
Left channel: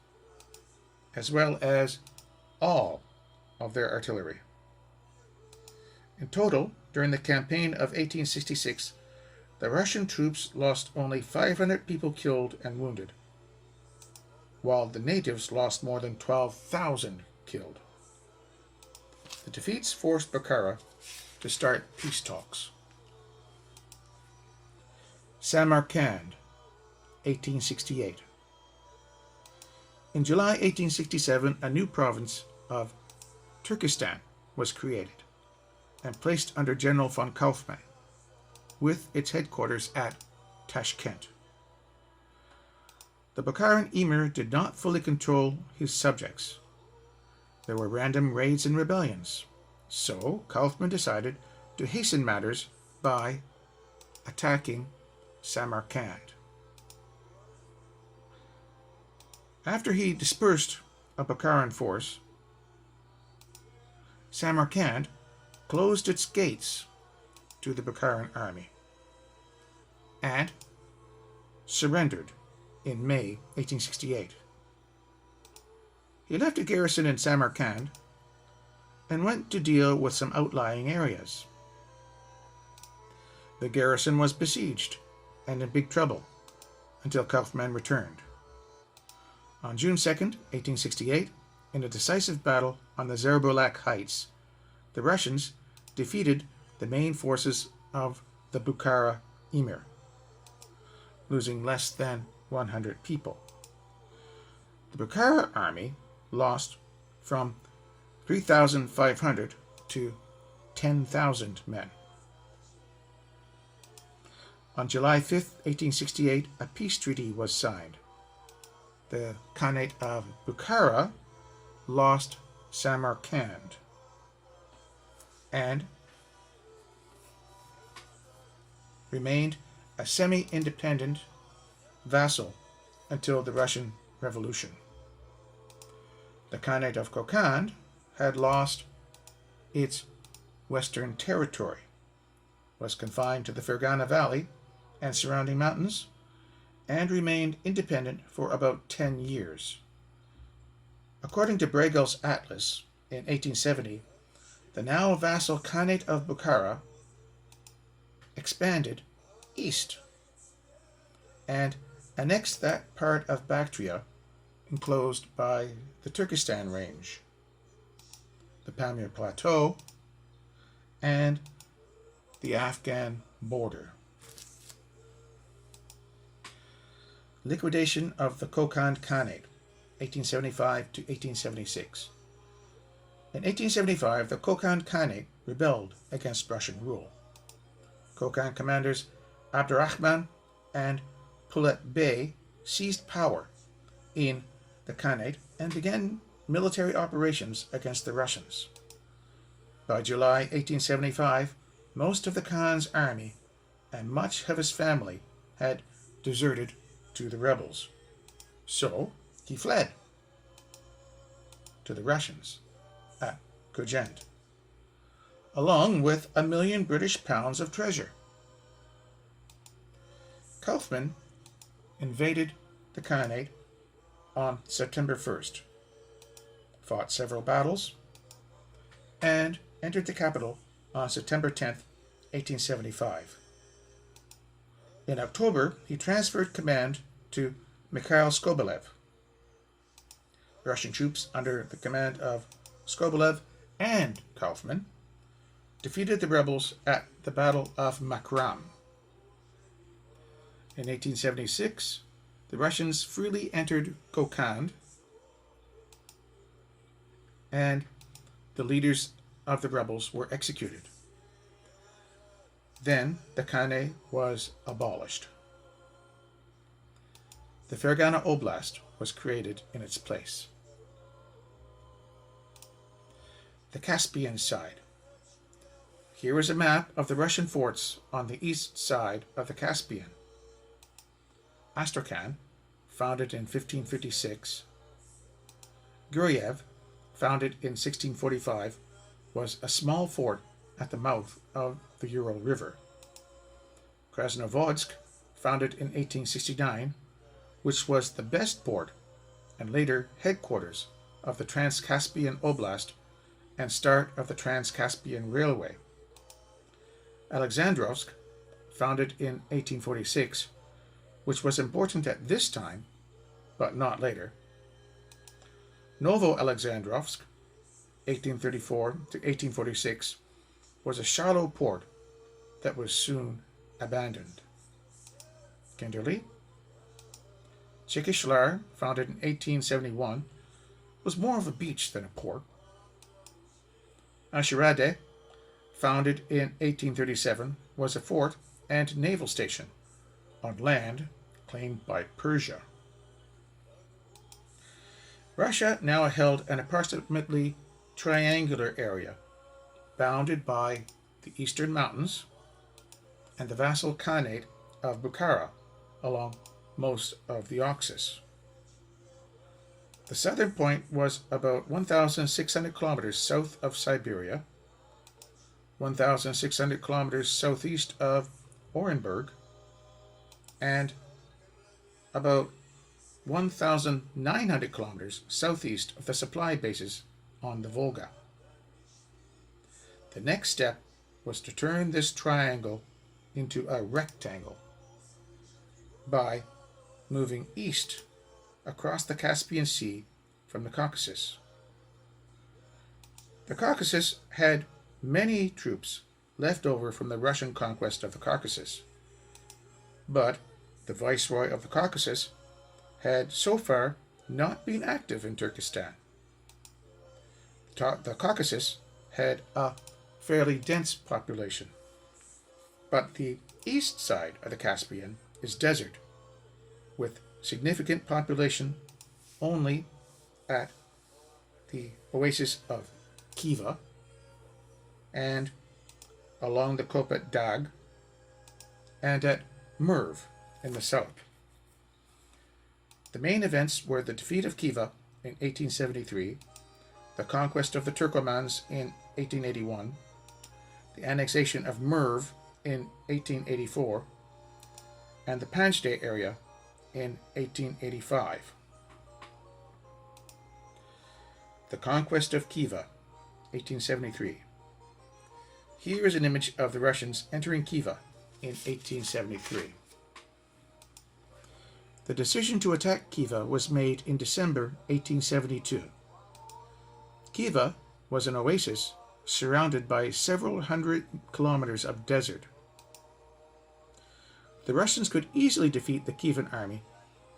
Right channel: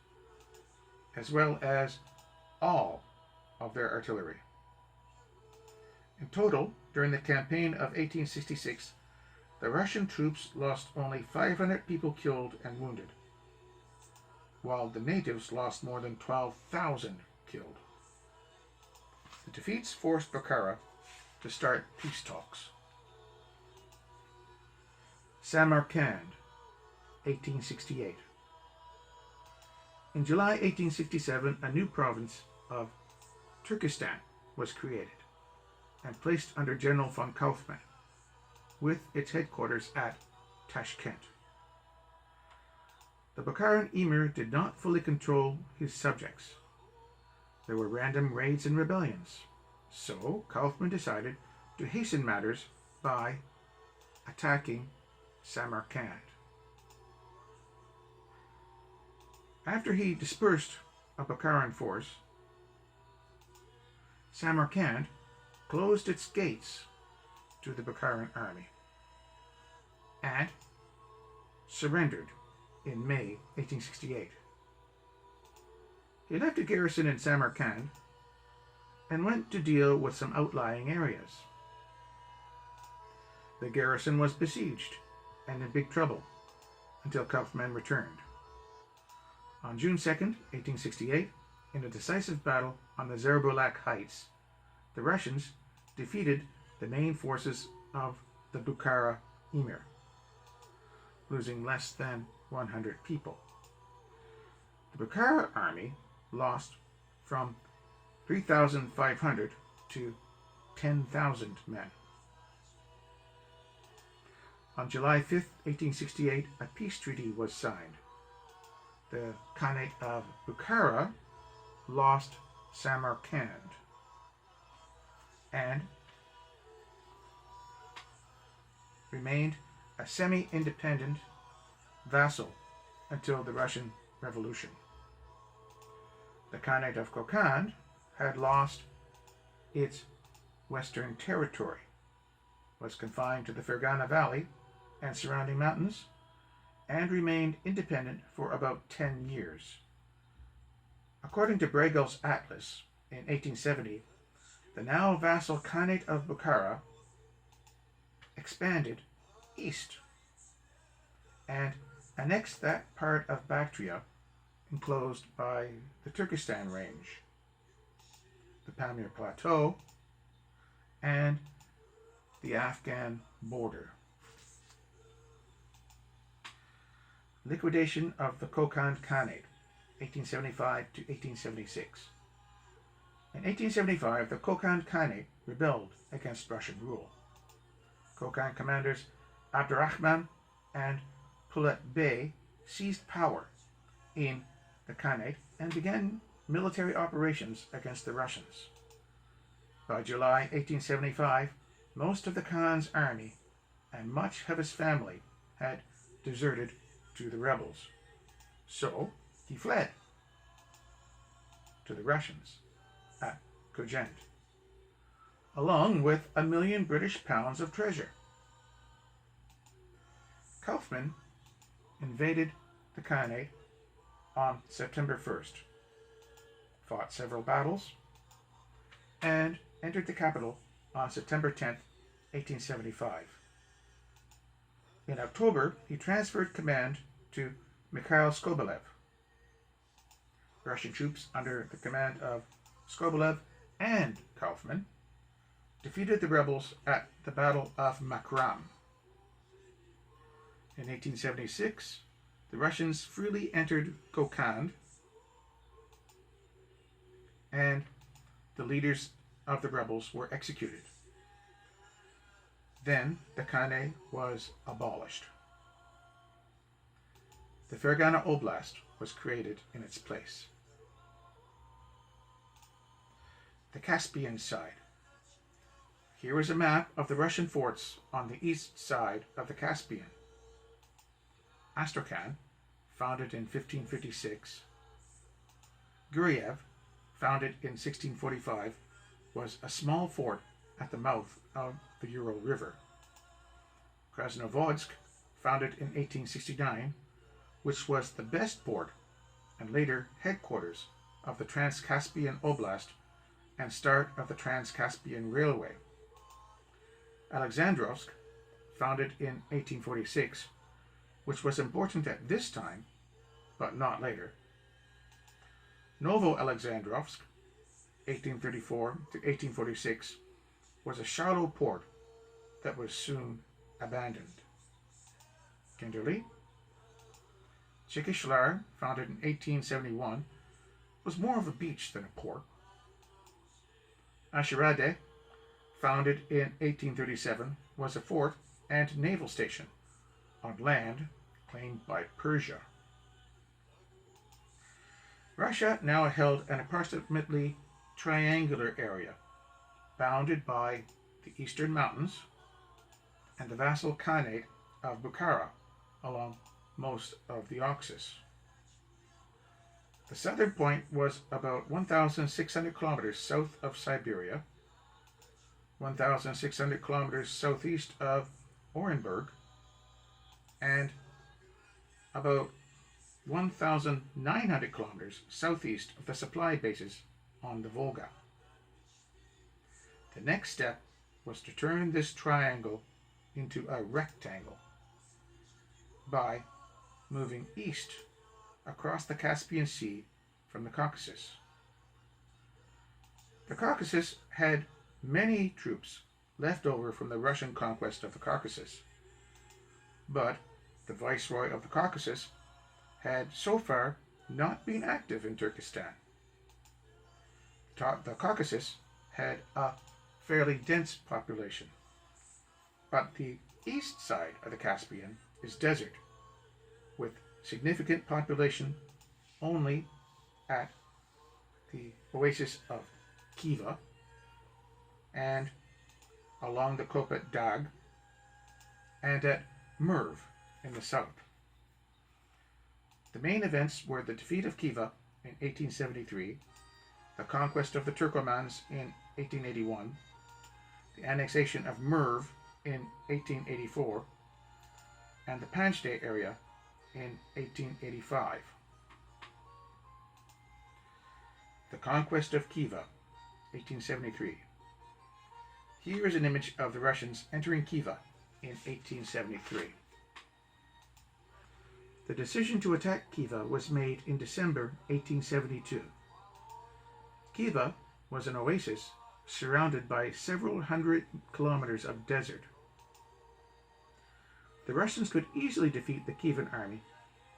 as well as all of their artillery. In total, during the campaign of 1866, the Russian troops lost only 500 people killed and wounded, while the natives lost more than 12,000 killed. The defeats forced Bukhara to start peace talks. Samarkand, 1868. In July 1867, a new province of Turkestan was created and placed under General von Kaufmann, with its headquarters at Tashkent. The Bukharan emir did not fully control his subjects. There were random raids and rebellions, so Kaufmann decided to hasten matters by attacking Samarkand. After he dispersed a Bukharan force, Samarkand closed its gates to the Bukharan army and surrendered in May 1868. He left a garrison in Samarkand and went to deal with some outlying areas. The garrison was besieged and in big trouble until Kaufmann returned. On June 2nd, 1868, in a decisive battle on the Zerbulak Heights, the Russians defeated the main forces of the Bukhara emir, losing less than 100 people. The Bukhara army lost from 3,500 to 10,000 men. On July 5th, 1868, a peace treaty was signed. The Khanate of Bukhara lost Samarkand and remained a semi-independent vassal until the Russian Revolution. The Khanate of Kokand had lost its western territory, was confined to the Fergana Valley and surrounding mountains, and remained independent for about 10 years. According to Bregel's Atlas in 1870, The now vassal Khanate of Bukhara expanded east and annexed that part of Bactria enclosed by the Turkestan range, the Pamir Plateau, and the Afghan border. Liquidation of the Kokand Khanate, 1875 to 1876. In 1875, the Kokand Khanate rebelled against Russian rule. Kokand commanders Abdurrahman and Pulet Bey seized power in the Khanate and began military operations against the Russians. By July 1875, most of the Khan's army and much of his family had deserted to the rebels. So he fled to the Russians at Kujend, along with £1 million British of treasure. Kaufman invaded the Khanate on September 1st, fought several battles, and entered the capital on September 10th, 1875. In October, he transferred command to Mikhail Skobelev. Russian troops under the command of Skobelev and Kaufman defeated the rebels at the Battle of Makram. In 1876, the Russians freely entered Kokand, and the leaders of the rebels were executed. Then the Khanate was abolished. The Fergana Oblast was created in its place. The Caspian side. Here is a map of the Russian forts on the east side of the Caspian. Astrakhan, founded in 1556. Guryev, founded in 1645, was a small fort at the mouth of the Ural River. Krasnovodsk, founded in 1869, which was the best port and later headquarters of the Trans-Caspian Oblast and start of the Trans-Caspian Railway. Alexandrovsk, founded in 1846, which was important at this time, but not later. Novo-Alexandrovsk, 1834 to 1846, was a shallow port that was soon abandoned. Kinderli, Chikishlar, founded in 1871, was more of a beach than a port. Ashirade, founded in 1837, was a fort and naval station on land claimed by Persia. Russia now held an approximately triangular area bounded by the eastern mountains and the vassal Khanate of Bukhara along most of the Caucasus. The southern point was about 1,600 kilometers south of Siberia, 1,600 kilometers southeast of Orenburg, and about 1,900 kilometers southeast of the supply bases on the Volga. The next step was to turn this triangle into a rectangle by moving east across the Caspian Sea from the Caucasus. The Caucasus had many troops left over from the Russian conquest of the Caucasus, but the Viceroy of the Caucasus had so far not been active in Turkestan. The Caucasus had a fairly dense population, but the east side of the Caspian is desert, with significant population only at the oasis of Khiva and along the Kopet Dag and at Merv in the south. The main events were the defeat of Khiva in 1873, the conquest of the Turkomans in 1881, the annexation of Merv in 1884, and the Panjde area in 1885. The conquest of Khiva, 1873. Here is an image of the Russians entering Khiva in 1873. The decision to attack Khiva was made in December 1872. Khiva was an oasis surrounded by several hundred kilometers of desert. The Russians could easily defeat the Kievan army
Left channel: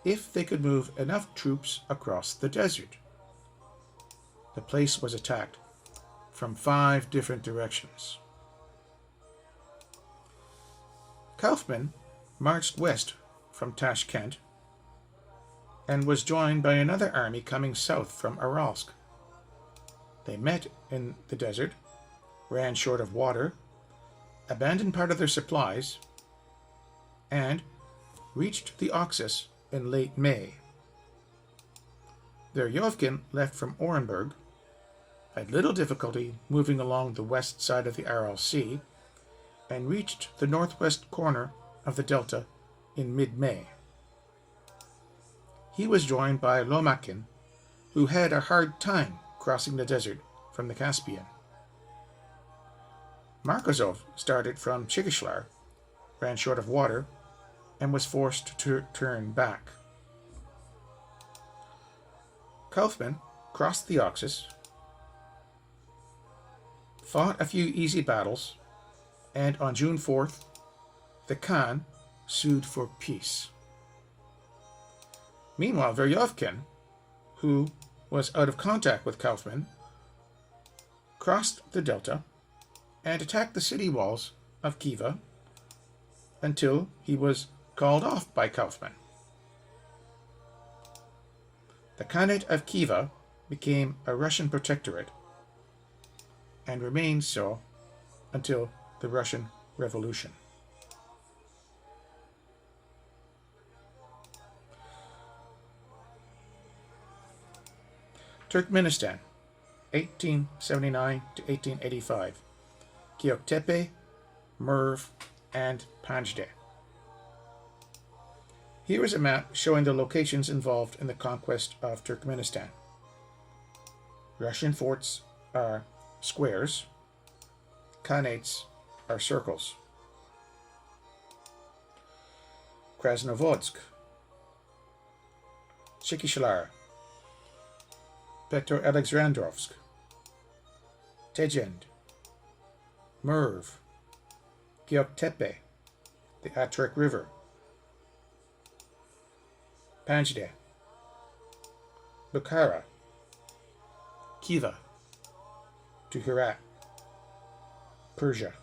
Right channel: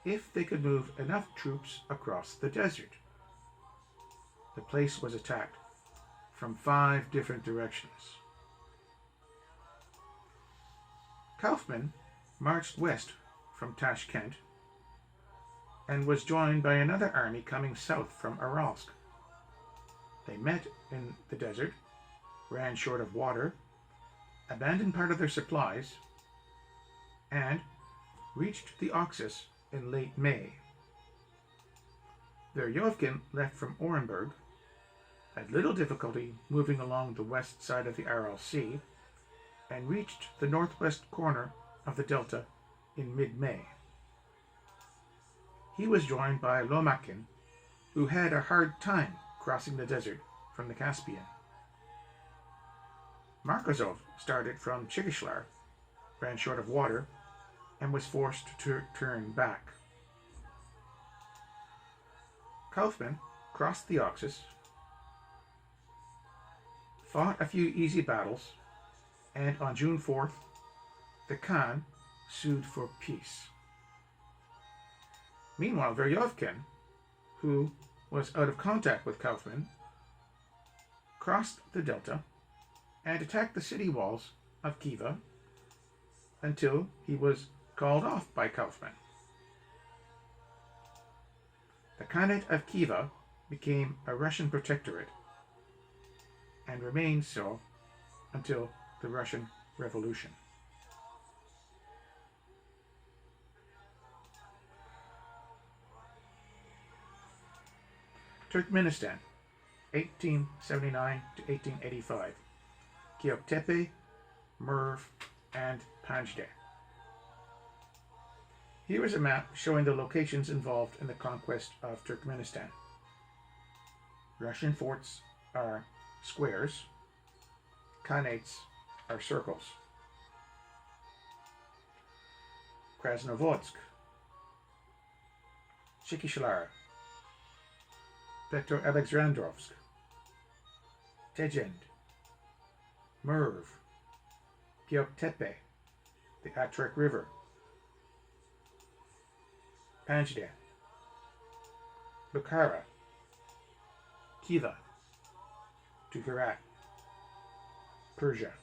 if they could move enough troops across the desert. The place was attacked from 5 different directions. Kaufman marched west from Tashkent and was joined by another army coming south from Aralsk. They met in the desert, ran short of water, abandoned part of their supplies, and reached the Oxus in late May. Veryovkin left from Orenburg, had little difficulty moving along the west side of the Aral Sea, and reached the northwest corner of the delta in mid-May. He was joined by Lomakin, who had a hard time crossing the desert from the Caspian. Markozov started from Chikishlar, ran short of water, and was forced to turn back. Kaufman crossed the Oxus, fought a few easy battles, and on June 4th, the Khan sued for peace. Meanwhile, Veryovkin, who was out of contact with Kaufman, crossed the delta and attacked the city walls of Khiva until he was called off by Kaufman. The Khanate of Khiva became a Russian protectorate and remained so until the Russian Revolution. Turkmenistan, 1879 to 1885. Göktepe, Merv, and Panjde. Here is a map showing the locations involved in the conquest of Turkmenistan. Russian forts are squares, Khanates are circles. Krasnovodsk, Chikishlar, Petroalexandrovsk, Tegend, Merv, Göktepe, the Atrek River, Panjde, Bukhara, Khiva, Tukharat, Persia.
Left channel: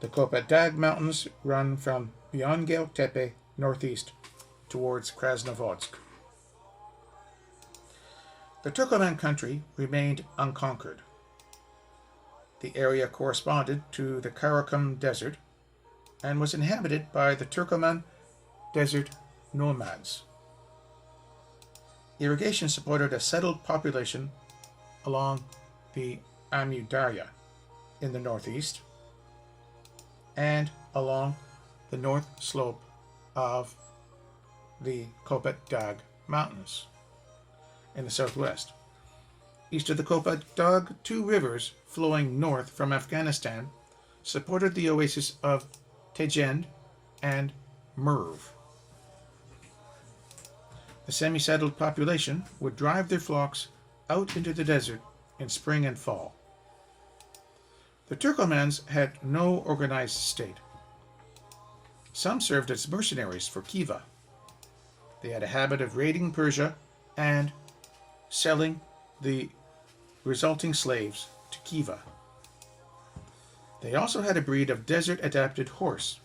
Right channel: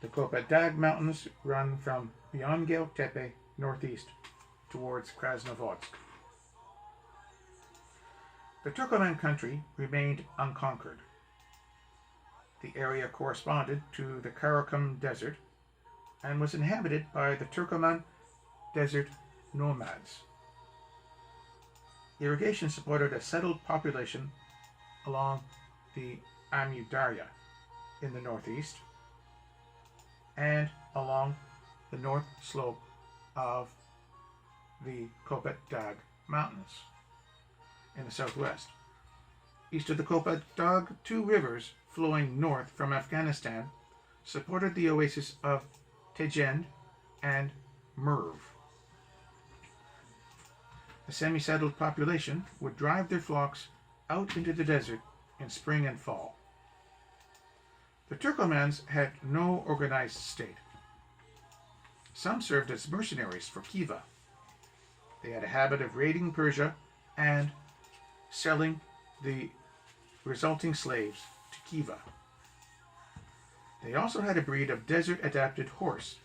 The Kopadag Mountains run from beyond Göktepe northeast towards Krasnovodsk. The Turkoman country remained unconquered. The area corresponded to the Karakum Desert and was inhabited by the Turkoman desert nomads. Irrigation supported a settled population along the Amudarya in the northeast and along the north slope of the Kopadag Mountains in the southwest. East of the Kopadag, 2 rivers flowing north from Afghanistan supported the oasis of Tegend and Merv. The semi-settled population would drive their flocks out into the desert in spring and fall. The Turkomans had no organized state. Some served as mercenaries for Khiva. They had a habit of raiding Persia and selling the resulting slaves to Khiva. They also had a breed of desert-adapted horse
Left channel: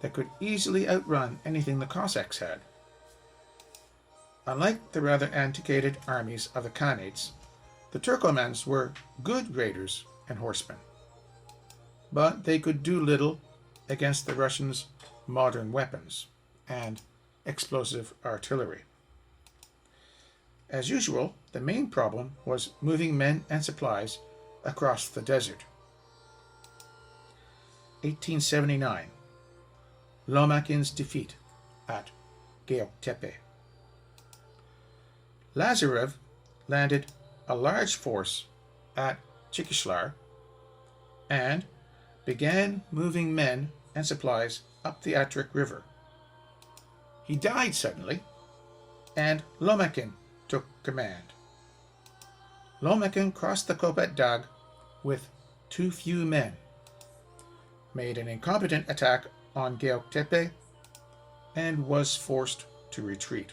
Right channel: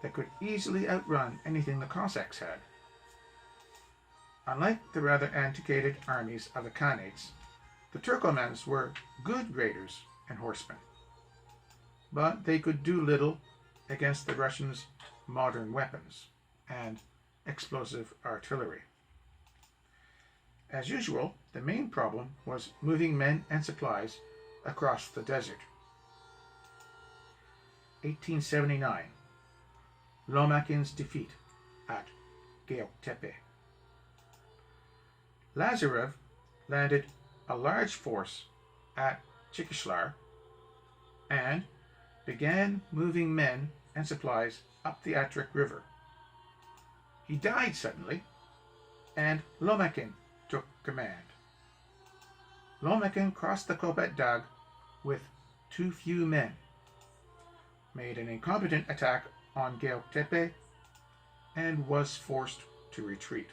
that could easily outrun anything the Cossacks had. Unlike the rather antiquated armies of the Khanates, the Turkomans were good raiders and horsemen, but they could do little against the Russians' modern weapons and explosive artillery. As usual, the main problem was moving men and supplies across the desert. 1879. Lomakin's defeat at Göktepe. Lazarev landed a large force at Chikishlar and began moving men and supplies up the Atrik River. He died suddenly, and Lomakin took command. Lomakin crossed the Kopet Dag with too few men, made an incompetent attack on Göktepe, and was forced to retreat.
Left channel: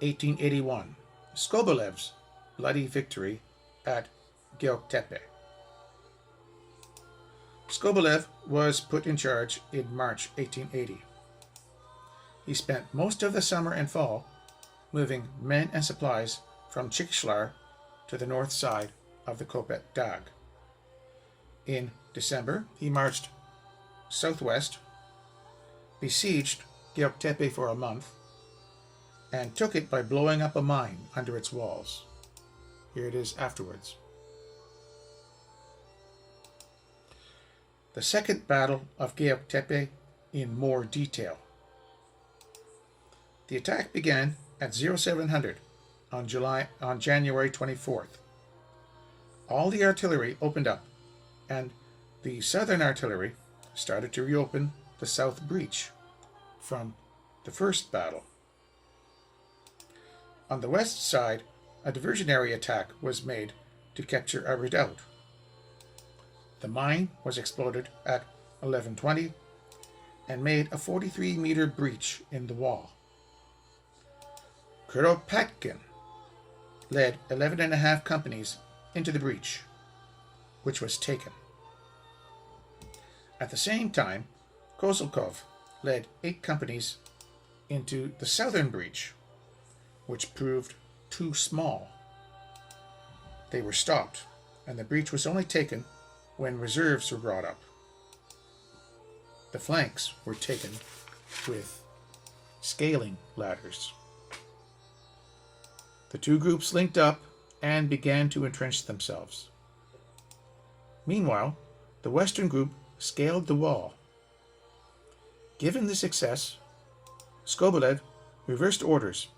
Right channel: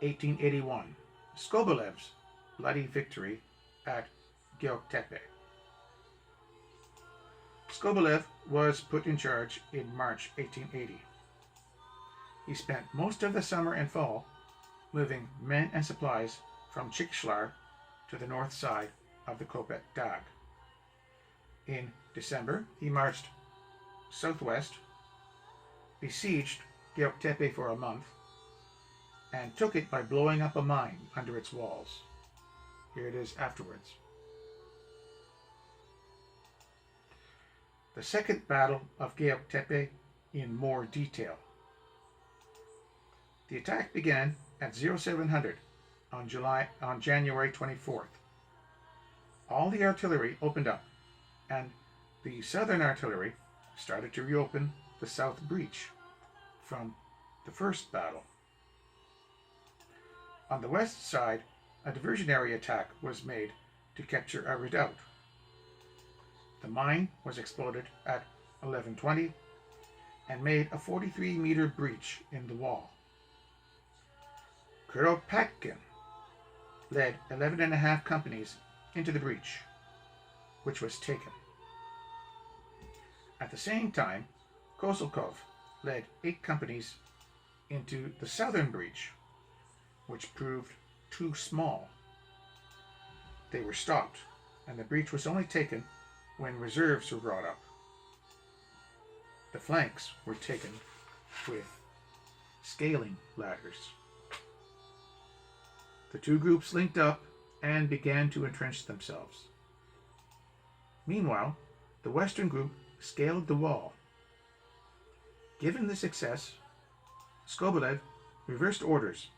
1881. Skobelev's bloody victory at Göktepe. Skobelev was put in charge in March 1880. He spent most of the summer and fall moving men and supplies from Chikhlar to the north side of the Kopet Dag. In December, he marched southwest, besieged Göktepe for a month, and took it by blowing up a mine under its walls. Here it is afterwards. The Second Battle of Göktepe in more detail. The attack began at 0700 on January 24th. All the artillery opened up, and the southern artillery started to reopen the south breach from the first battle. On the west side, a diversionary attack was made to capture a redoubt. The mine was exploded at 11:20 and made a 43-meter breach in the wall. Kuropatkin led 11.5 companies into the breach, which was taken. At the same time, Kozlkov led 8 companies into the southern breach, which proved too small. They were stopped, and the breach was only taken when reserves were brought up. The flanks were taken with scaling ladders. The two groups linked up and began to entrench themselves. Meanwhile, the western group scaled the wall. Given the success, Skobelev reversed orders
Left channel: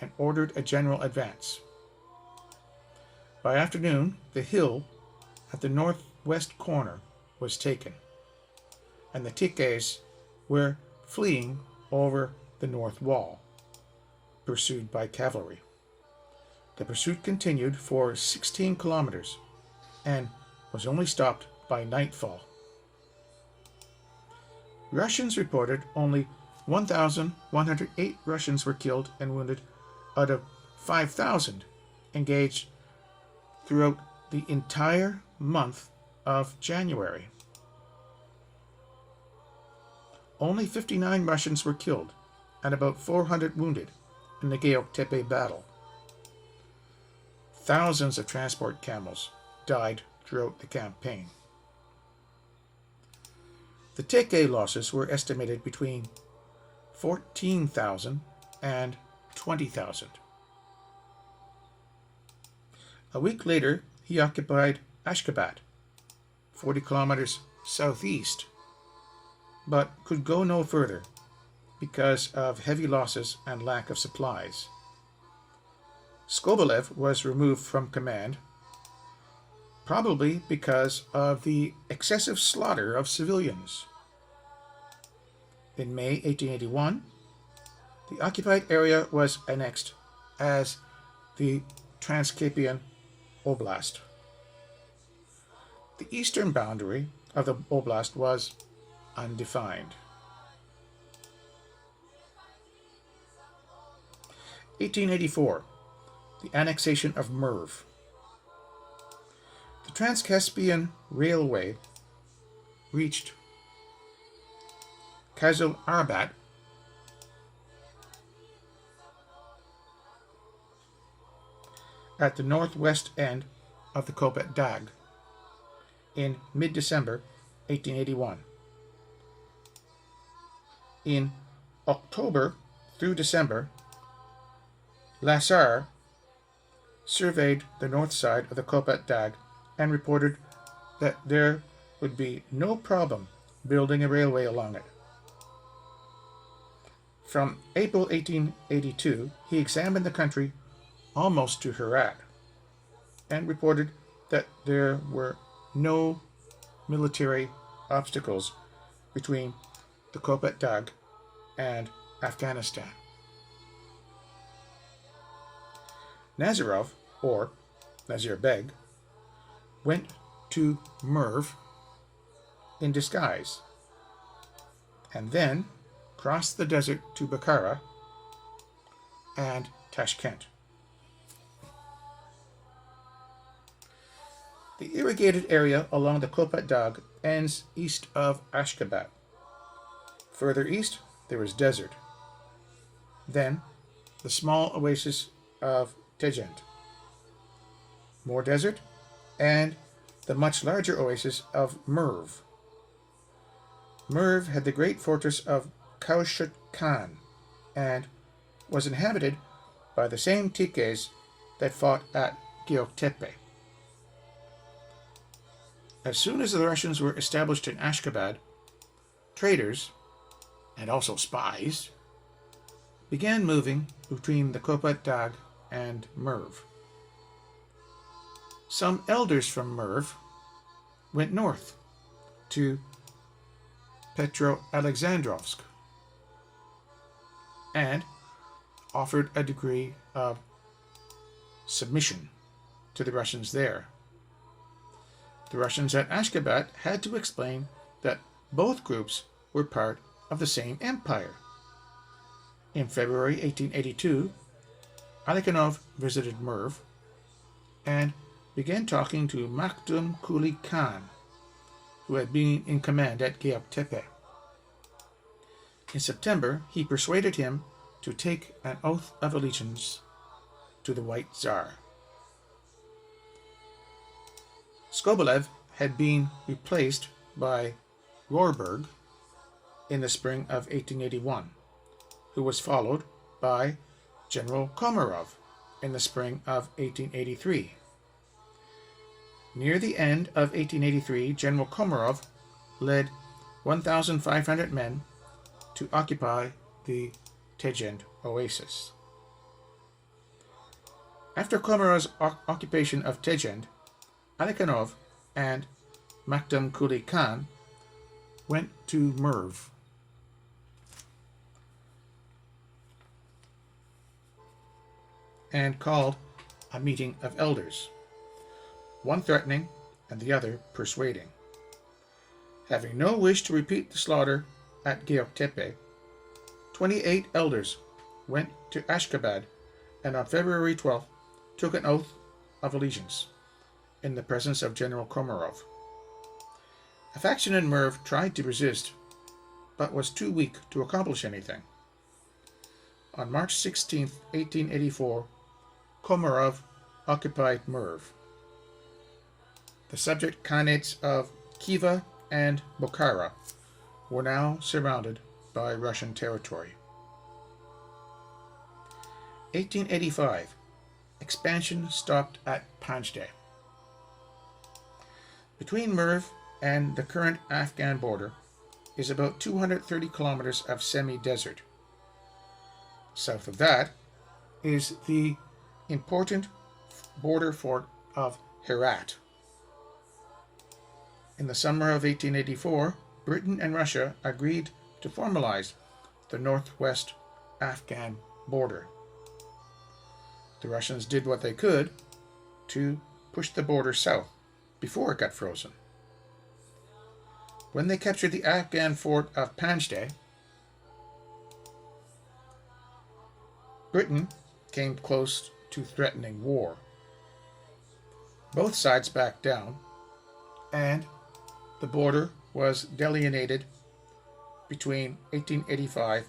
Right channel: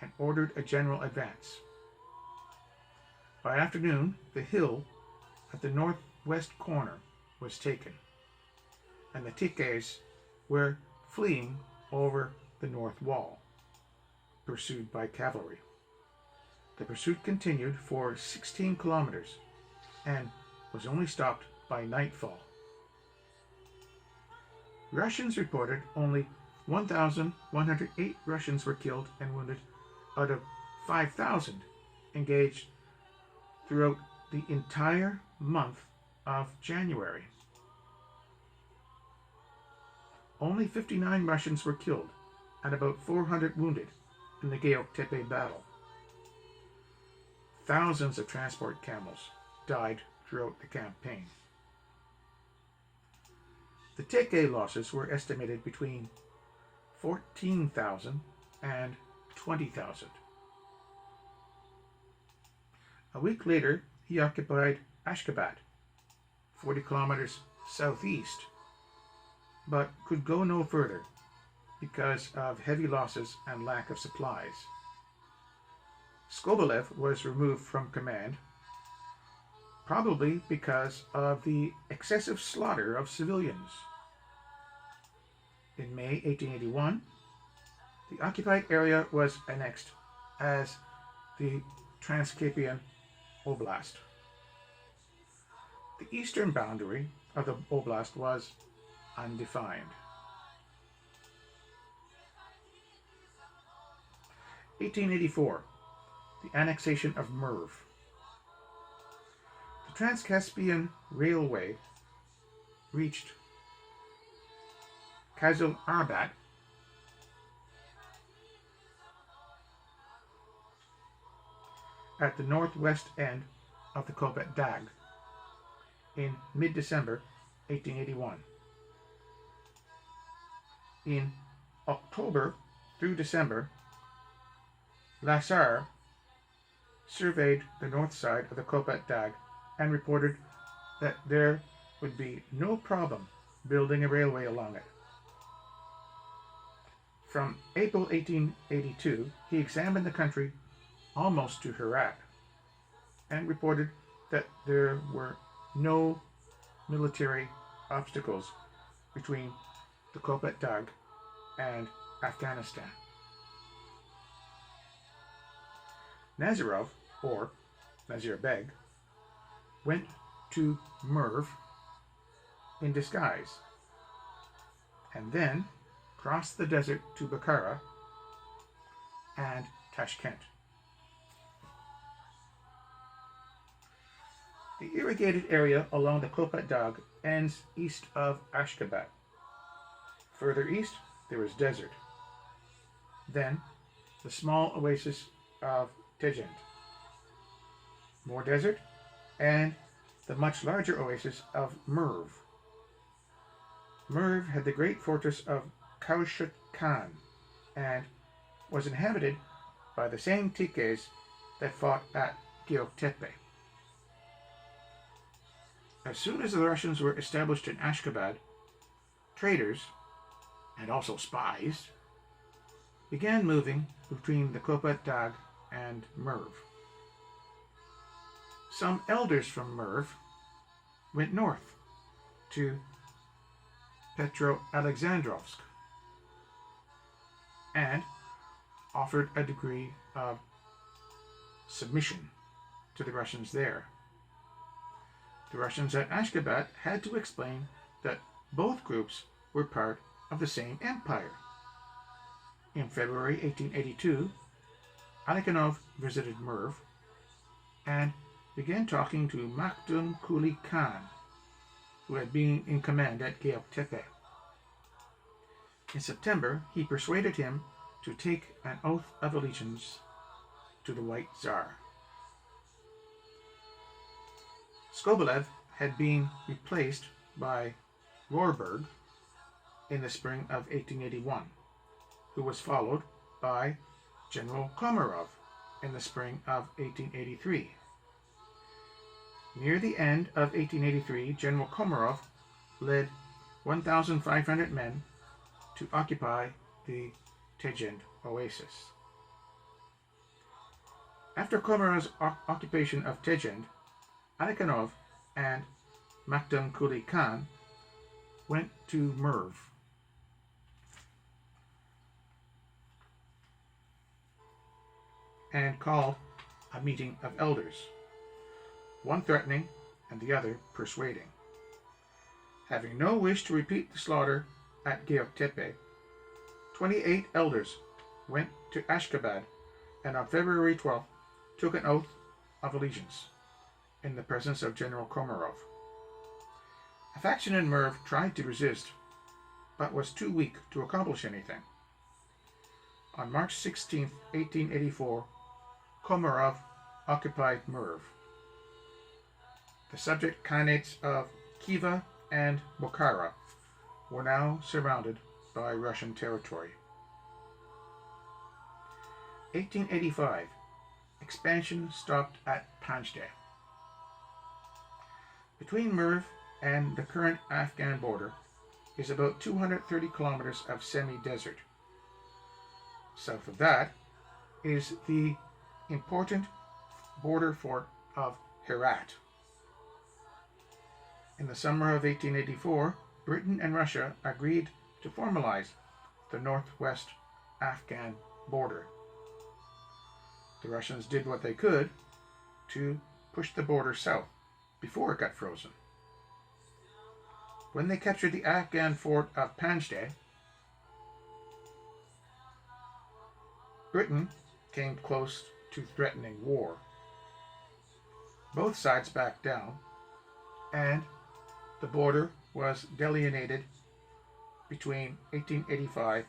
and ordered a general advance. By afternoon, the hill at the northwest corner was taken, and the Tikes were fleeing over the north wall, pursued by cavalry. The pursuit continued for 16 kilometers and was only stopped by nightfall. Russians reported only 1,108 Russians were killed and wounded out of 5,000 engaged throughout the entire month of January. Only 59 Russians were killed and about 400 wounded in the Göktepe battle. Thousands of transport camels died throughout the campaign. The Teke losses were estimated between 14,000 and 20,000. A week later, he occupied Ashgabat, 40 kilometers southeast, but could go no further because of heavy losses and lack of supplies. Skobelev was removed from command, probably because of the excessive slaughter of civilians. In May 1881, the occupied area was annexed as the Transcaspian Oblast. The eastern boundary of the oblast was undefined. 1884, the annexation of Merv. The Transcaspian Railway reached Kazul Arabat at the northwest end of the Kopet Dag in mid-December 1881. In October through December, Lasar surveyed the north side of the Kopet Dag and reported that there would be no problem building a railway along it. From April 1882, he examined the country almost to Herat and reported that there were no military obstacles between the Kopet Dag and Afghanistan. Nazirov, or Nazir Beg, went to Merv in disguise, and then crossed the desert to Bukhara and Tashkent. The irrigated area along the Kopet Dag ends east of Ashgabat. Further east, there is desert. Then, the small oasis of Tejent. More desert, and the much larger oasis of Merv. Merv had the great fortress of Kaushut Khan and was inhabited by the same Tikes that fought at Göktepe. As soon as the Russians were established in Ashgabat, traders, and also spies, began moving between the Kopet Dag and Merv. Some elders from Merv went north to Petro-Alexandrovsk and offered a degree of submission to the Russians there. The Russians at Ashgabat had to explain that both groups were part of the same empire. In February 1882, Alekhanov visited Merv and began talking to Makhdum Kuli Khan, who had been in command at Göktepe. In September, he persuaded him to take an oath of allegiance to the White Tsar. Skobelev had been replaced by Rohrberg in the spring of 1881, who was followed by General Komarov in the spring of 1883. Near the end of 1883, General Komarov led 1,500 men to occupy the Tejent oasis. After Komarov's occupation of Tejent, Alekhanov and Makhdum Kuli Khan went to Merv. And called a meeting of elders, one threatening and the other persuading. Having no wish to repeat the slaughter at Göktepe, 28 elders went to Ashgabat and on February 12th took an oath of allegiance in the presence of General Komarov. A faction in Merv tried to resist, but was too weak to accomplish anything. On March 16, 1884, Komarov occupied Merv. The subject khanates of Khiva and Bukhara were now surrounded by Russian territory. 1885, expansion stopped at Panjde. Between Merv and the current Afghan border is about 230 kilometers of semi-desert. South of that is the important border fort of Herat. In the summer of 1884, Britain and Russia agreed to formalize the northwest Afghan border. The Russians did what they could to push the border south before it got frozen. When they captured the Afghan fort of Panjde, Britain came close to threatening war. Both sides backed down, and the border was delineated between 1885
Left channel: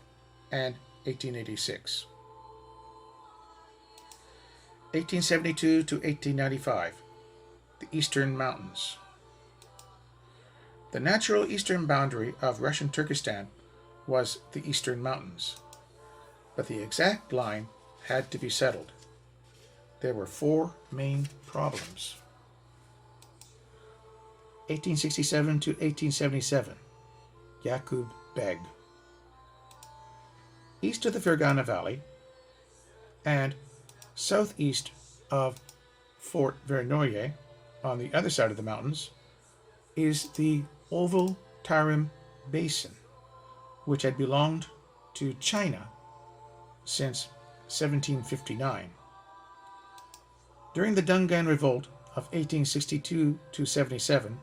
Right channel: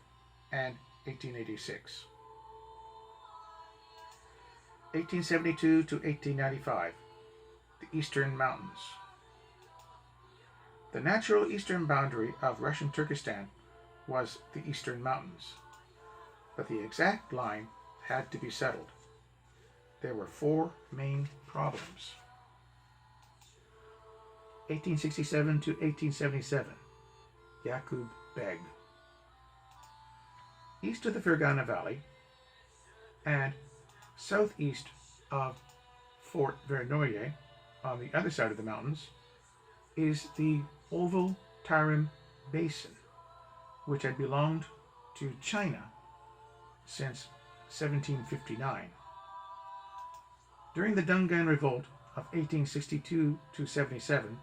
and 1886. 1872 to 1895, the Eastern Mountains. The natural eastern boundary of Russian Turkestan was the Eastern Mountains, but the exact line had to be settled. There were four main problems. 1867 to 1877, Yakub Beg. East of the Fergana Valley and southeast of Fort Verneuil on the other side of the mountains is the Oval Tarim Basin, which had belonged to China since 1759. During the Dungan Revolt of 1862-77,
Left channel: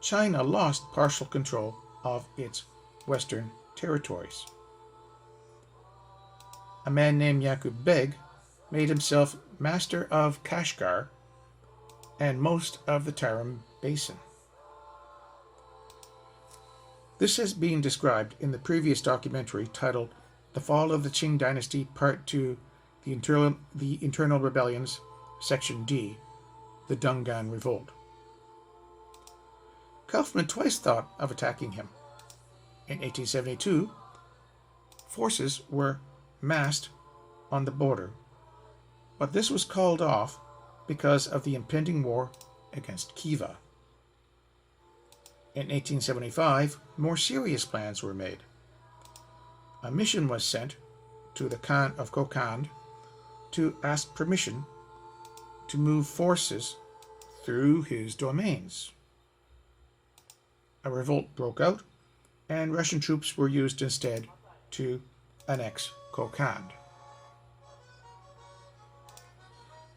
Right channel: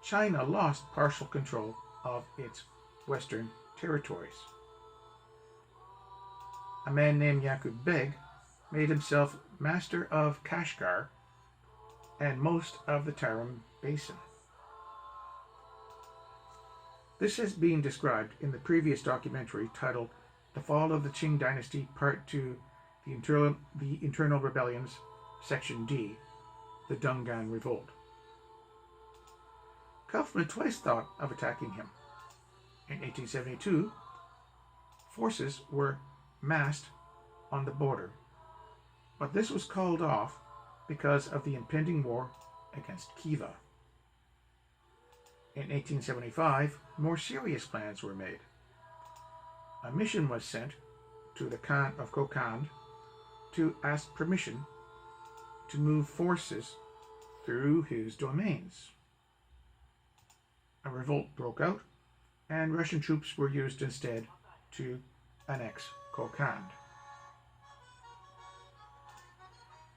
China lost partial control of its western territories. A man named Yaqub Beg made himself master of Kashgar and most of the Tarim Basin. This has been described in the previous documentary titled The Fall of the Qing Dynasty, Part 2, The Internal Rebellions, Section D, The Dungan Revolt. Kaufman twice thought of attacking him. In 1872, forces were massed on the border, but this was called off because of the impending war against Khiva. In 1875, more serious plans were made. A mission was sent to the Khan of Kokand to ask permission to move forces through his domains. A revolt broke out, and Russian troops were used instead to annex Kokand.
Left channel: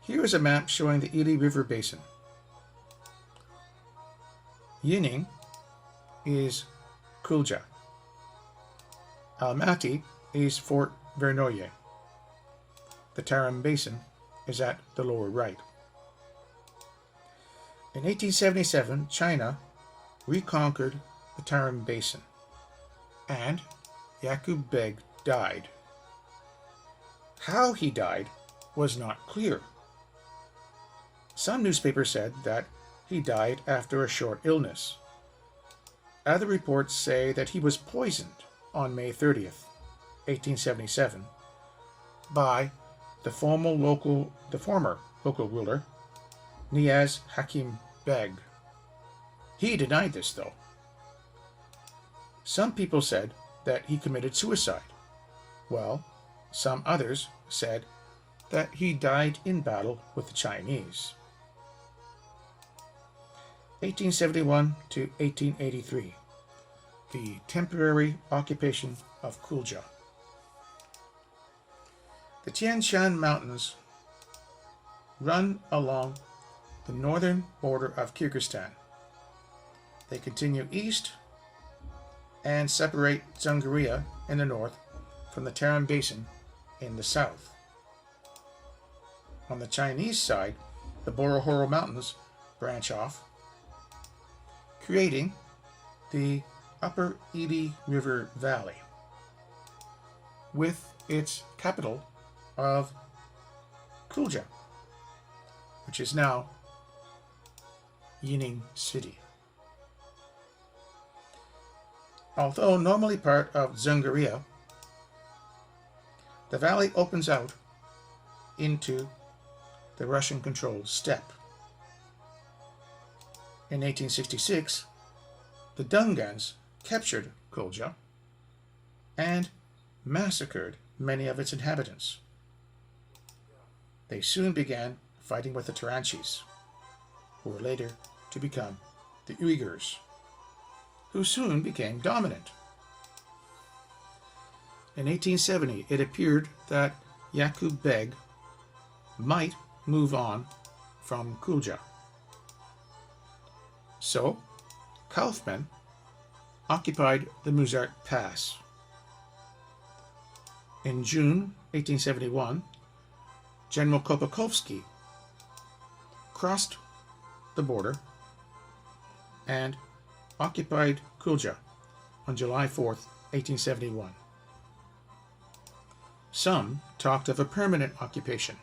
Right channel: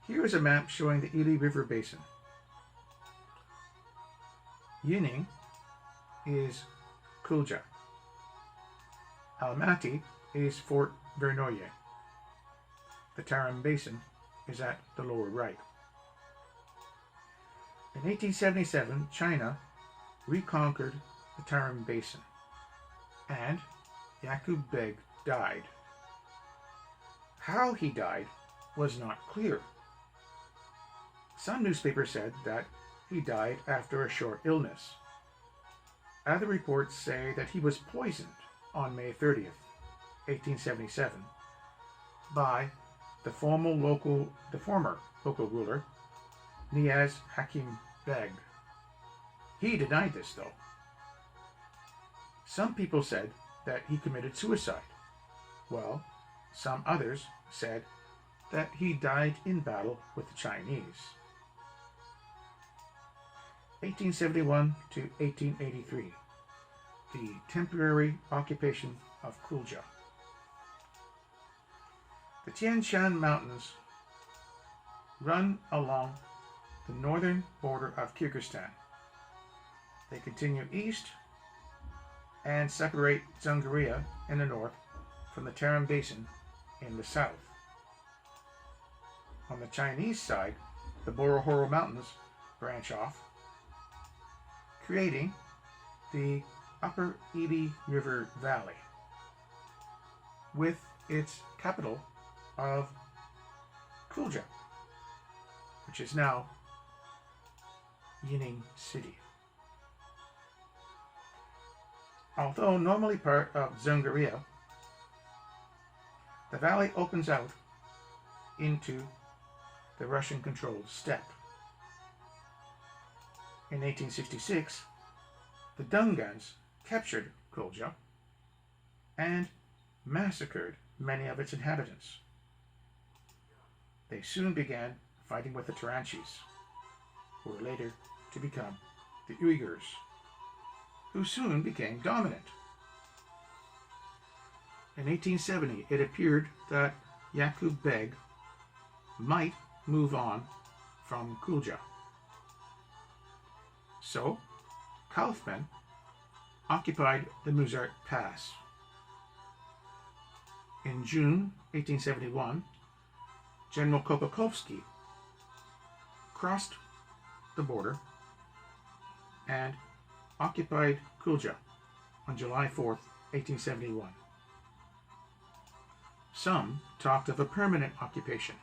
Here is a map showing the Ili River Basin. Yining is Kulja. Almaty is Fort Vernoye. The Tarim Basin is at the lower right. In 1877, China reconquered the Tarim Basin, and Yaqub Beg died. How he died was not clear. Some newspapers said that he died after a short illness. Other reports say that he was poisoned on May 30th, 1877, by the former local ruler, Niaz Hakim Beg. He denied this, though. Some people said that he committed suicide, while some others said that he died in battle with the Chinese. 1871 to 1883, the temporary occupation of Kulja. The Tian Shan Mountains run along the northern border of Kyrgyzstan. They continue east and separate Dzungaria in the north from the Tarim Basin in the south. On the Chinese side, the Borohoro Mountains branch off, creating the Upper Ili River Valley, with its capital of Kulja, which is now Yining City. Although normally part of Dzungaria, the valley opens out into the Russian-controlled steppe. In 1866, the Dungans captured Kulja and massacred many of its inhabitants. They soon began fighting with the Taranchis, who were later to become the Uyghurs, who soon became dominant. In 1870, it appeared that Yaqub Beg might move on from Kulja. So, Kaufman occupied the Muzart Pass. In June 1871, General Kopakovsky crossed the border and occupied Kulja on July 4th, 1871. Some talked of a permanent occupation,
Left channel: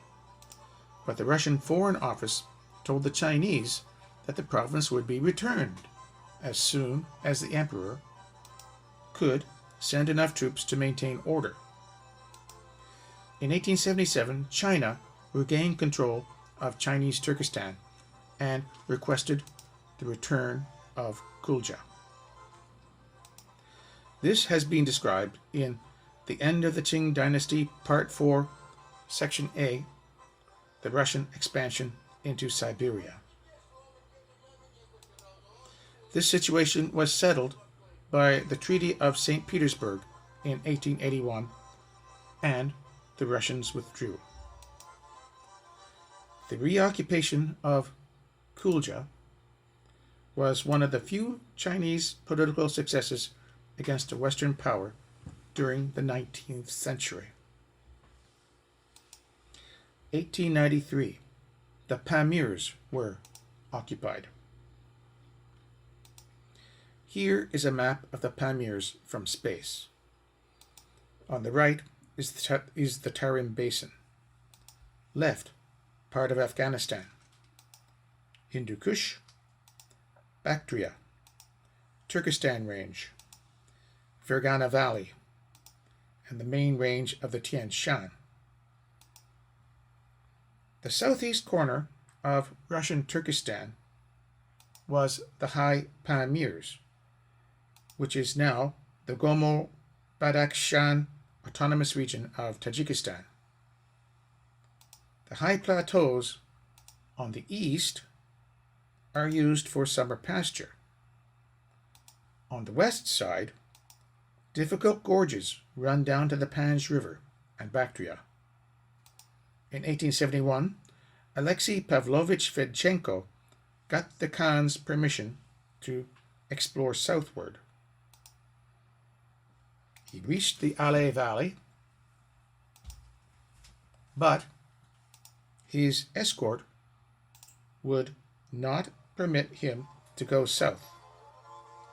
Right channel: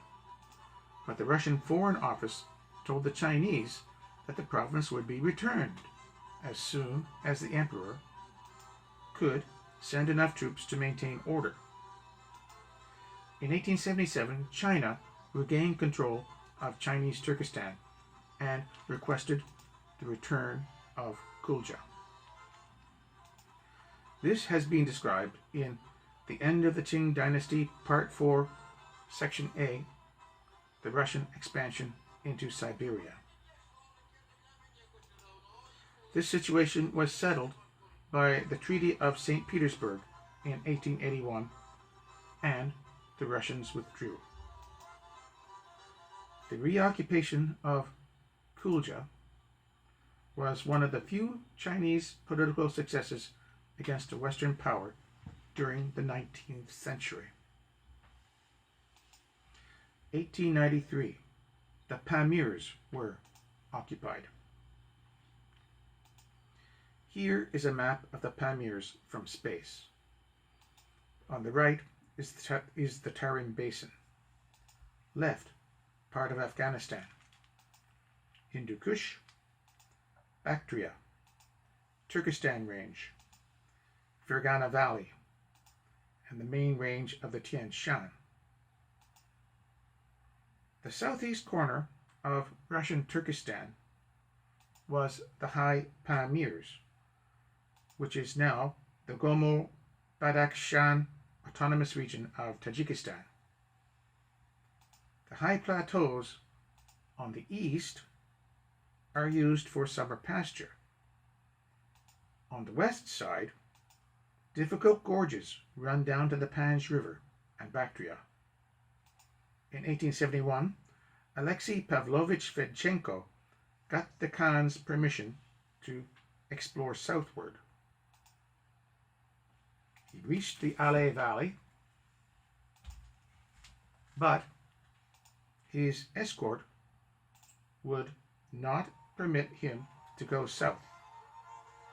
but the Russian Foreign Office told the Chinese that the province would be returned as soon as the emperor could send enough troops to maintain order. In 1877, China regained control of Chinese Turkestan and requested the return of Kulja. This has been described in The End of the Qing Dynasty, Part 4, Section A, The Russian Expansion into Siberia. This situation was settled by the Treaty of St. Petersburg in 1881, and the Russians withdrew. The reoccupation of Kulja was one of the few Chinese political successes against a Western power during the 19th century. 1893, the Pamirs were occupied. Here is a map of the Pamirs from space. On the right is the Tarim Basin. Left, part of Afghanistan. Hindu Kush, Bactria, Turkestan Range, Fergana Valley, and the main range of the Tian Shan. The southeast corner of Russian Turkestan was the High Pamirs, which is now the Gomo-Badakhshan Autonomous Region of Tajikistan. The high plateaus on the east are used for summer pasture. On the west side, difficult gorges run down to the Panj River and Bactria. In 1871, Alexei Pavlovich Fedchenko got the Khan's permission to explore southward. He reached the Alay Valley, but his escort would not permit him to go south